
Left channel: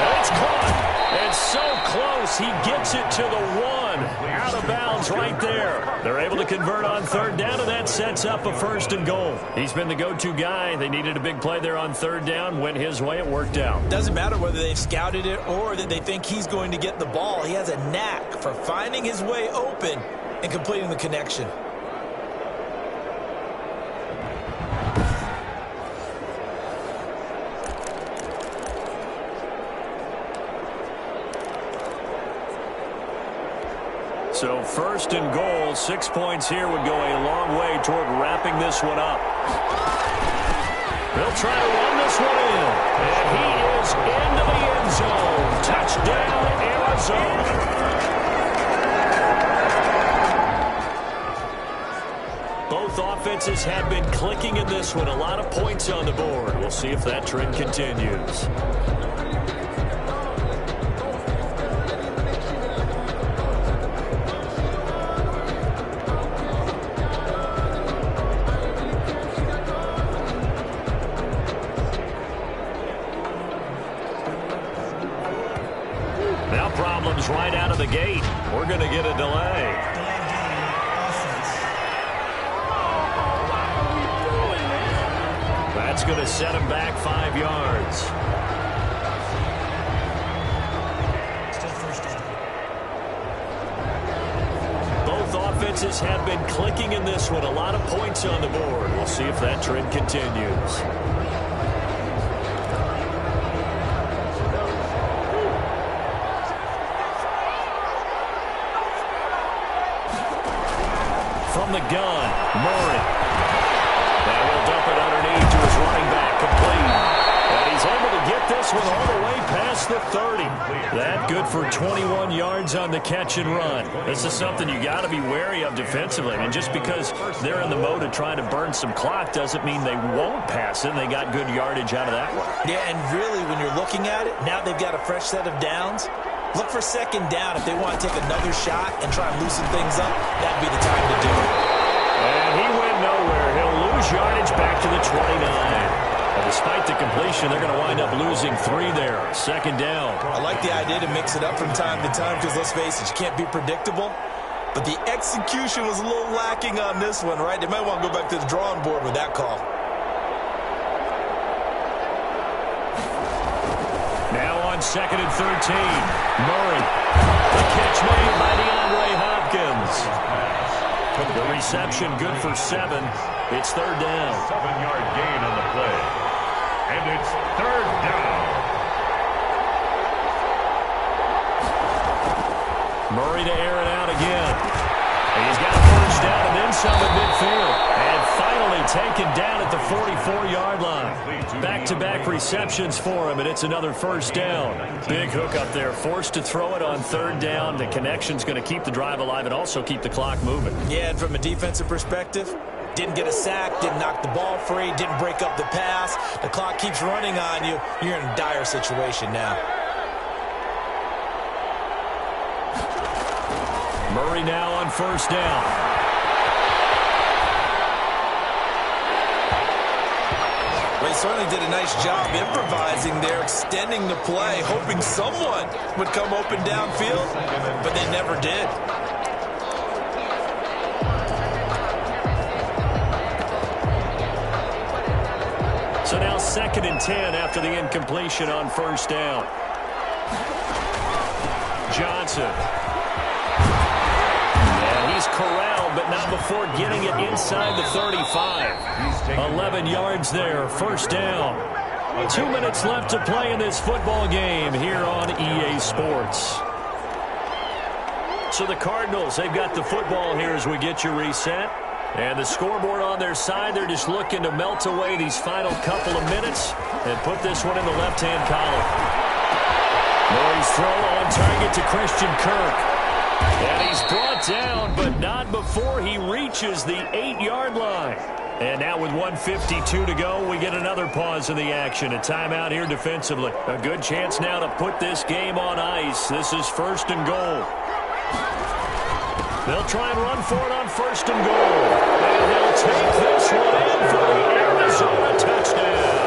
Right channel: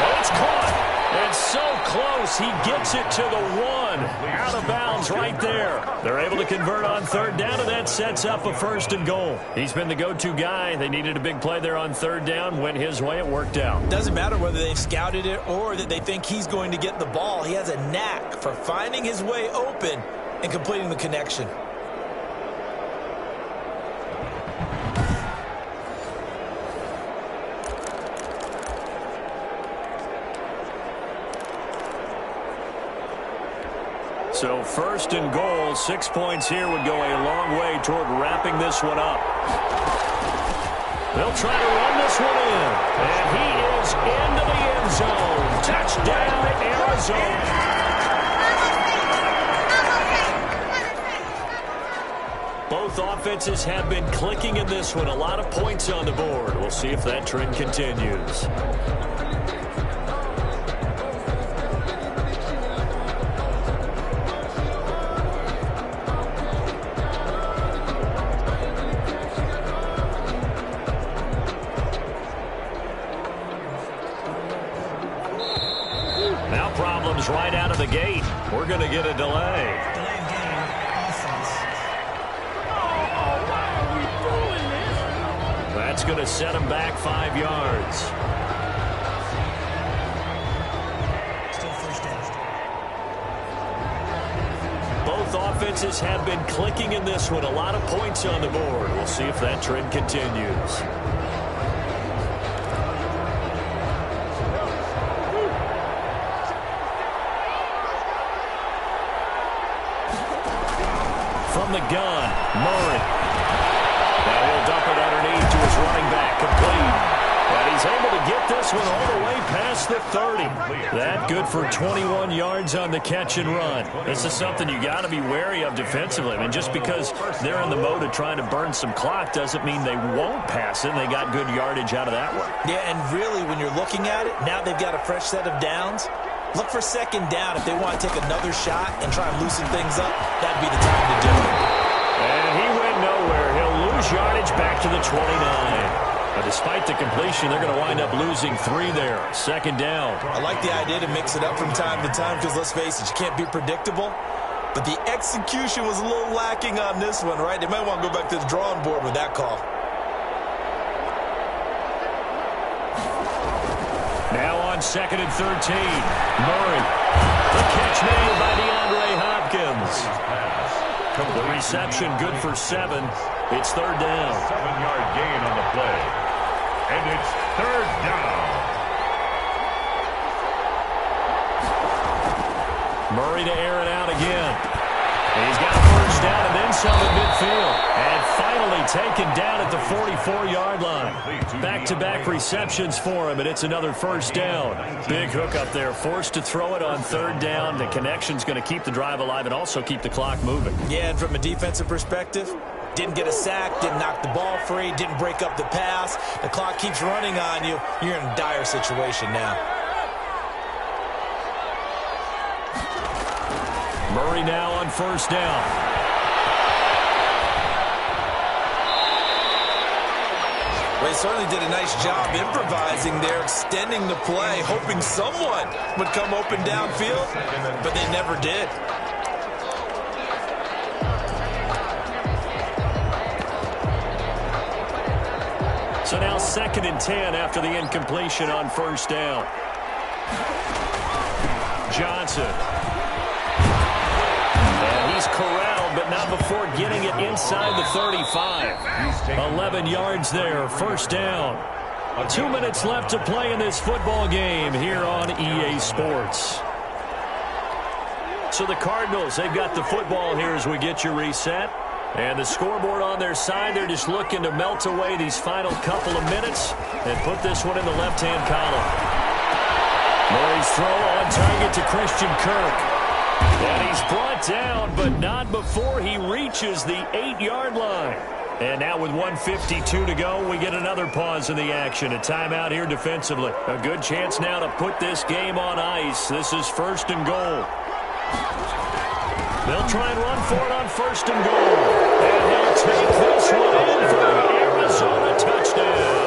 And it's caught. And so close, he gets it to the 1. Out of bounds right there. They're able to convert on 3rd down, and that sets up a 1st and goal. He's been the go-to guy. They needed a big play there on 3rd down. Went his way. It worked out. Doesn't matter whether they've scouted it or that they think he's going to get the ball. He has a knack for finding his way open and completing the connection. So 1st and goal, 6 points here would go a long way toward wrapping this one up. They'll try to run this one in. And he is into the end zone. Touchdown, Arizona. Both offenses have been clicking in this one. A lot of points on the board. We'll see if that trend continues. Problems right out of the gate. We're going to get a delay. Delayed game, offense. Why are we doing this? That's going to set him back 5 yards. Still 1st down. Both offenses have been clicking in this one. A lot of points on the board. We'll see if that trend continues. from the gun. Murray. Now he'll dump it underneath to his running back. Complete. And he's able to get this one all the way past the 30. That good for 21 yards on the catch and run. This is something you got to be wary of defensively. I mean, just because they're in the mode of trying to burn some clock doesn't mean they won't pass it. They got good yardage out of that one. Yeah, and really, when you're looking at it, now they've got a fresh set of downs. Look for second down if they want to take another shot and try and loosen things up. That'd be the time to do it. And he went nowhere. He'll lose yardage back to the 29. But despite the completion, they're going to wind up losing 3 there. Second down. I like the idea to mix it up from time to time because, let's face it, you can't be predictable. But the execution was a little lacking on this one, right? They might want to go back to the drawing board with that call. Now on 2nd and 13. Murray. The catch made by DeAndre Hopkins. The reception good for 7. It's 3rd down. 7-yard gain on the play. And it's 3rd down. Murray to air it out again. He's got a first down and then some at midfield. And finally taken down at the 44-yard line. Back-to-back receptions for him, and it's another first down. Big hook up there. Forced to throw it on 3rd down. The connection's going to keep the drive alive and also keep the clock moving. Yeah, and from a defensive perspective, didn't get a sack, didn't knock the ball free, didn't break up the pass. The clock keeps running on you. You're in a dire situation now. Murray now on 1st down. Well, he certainly did a nice job improvising there, extending the play, hoping someone would come open downfield, but they never did. So now 2nd and 10 after the incompletion on 1st down. Johnson. And he's corralled, but not before getting it inside the 35. 11 yards there, 1st down. 2 minutes left to play in this football game here on EA Sports. So the Cardinals, they've got the football here as we get you reset. And the scoreboard on their side, they're just looking to melt away these final couple of minutes and put this one in the left-hand column. Murray's throw on target to Christian Kirk. And he's brought down, but not before he reaches the 8-yard line. And now with 1:52 to go, we get another pause in the action. A timeout here defensively. A good chance now to put this game on ice. This is 1st and goal. They'll try and run for it on 1st and goal. And he'll take this one in for the Arizona touchdown.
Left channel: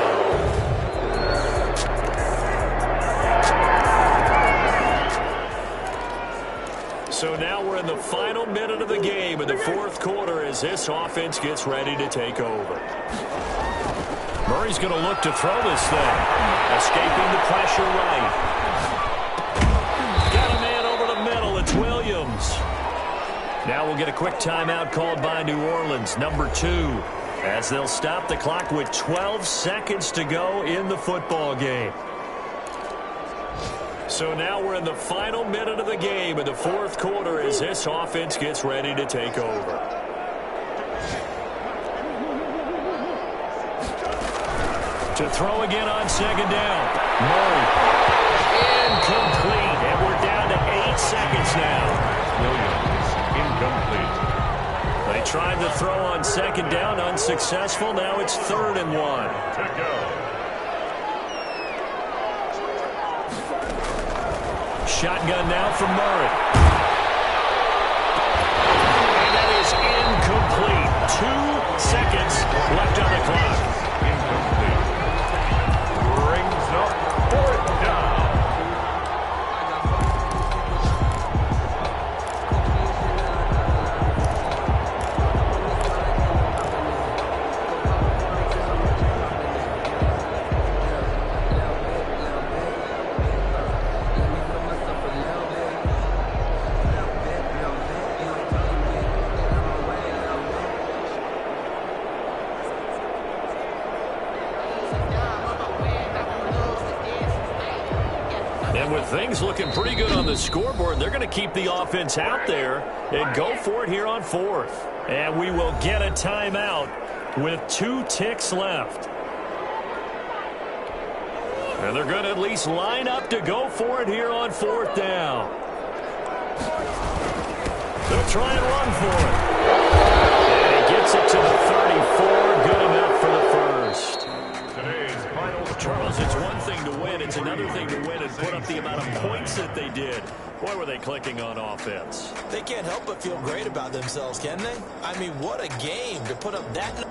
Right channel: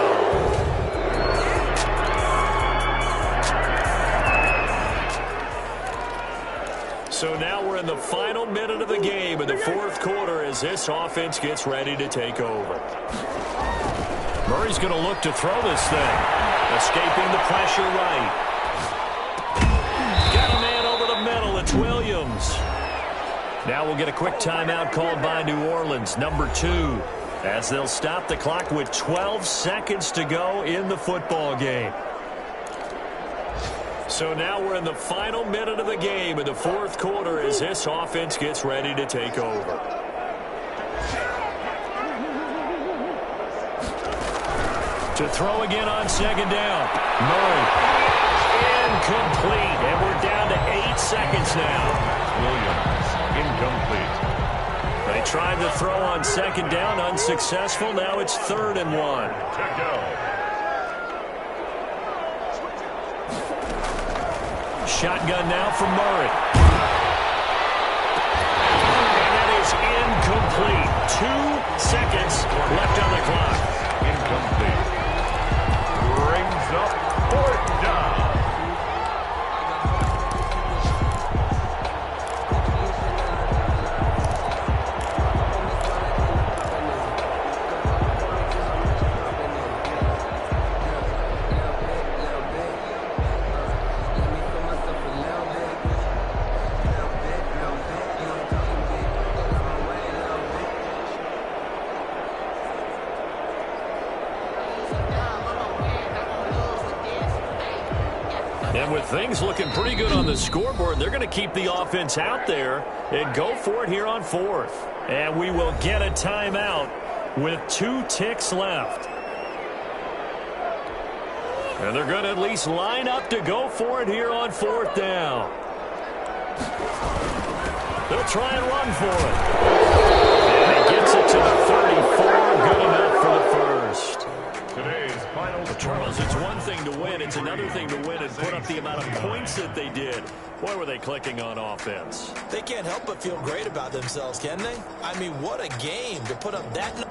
So now we're in the final minute of the game in the 4th quarter as this offense gets ready to take over. Murray's going to look to throw this thing. Escaping the pressure right. Got a man over the middle. It's Williams. Now we'll get a quick timeout called by New Orleans, number 2, as they'll stop the clock with 12 seconds to go in the football game. So now we're in the final minute of the game in the 4th quarter as this offense gets ready to take over. To throw again on 2nd down. Murray. Incomplete. And we're down to 8 seconds now. Williams. Incomplete. They tried to throw on 2nd down, unsuccessful. Now it's 3rd and 1. To go. Shotgun now from Murray. And that is incomplete. 2 seconds left on the clock. Incomplete. Brings up 4th down. And with things looking pretty good on the scoreboard, they're going to keep the offense out there and go for it here on fourth. And we will get a timeout with 2 ticks left. And they're going to at least line up to go for it here on fourth down. They'll try and run for it. And he gets it to the 34. Good enough for the first. Today's final score. Charles, it's one thing to win. It's another thing to win and put up the amount of points that they did. Boy, were they clicking on offense. They can't help but feel great about themselves, can they? I mean, what a game to put up that.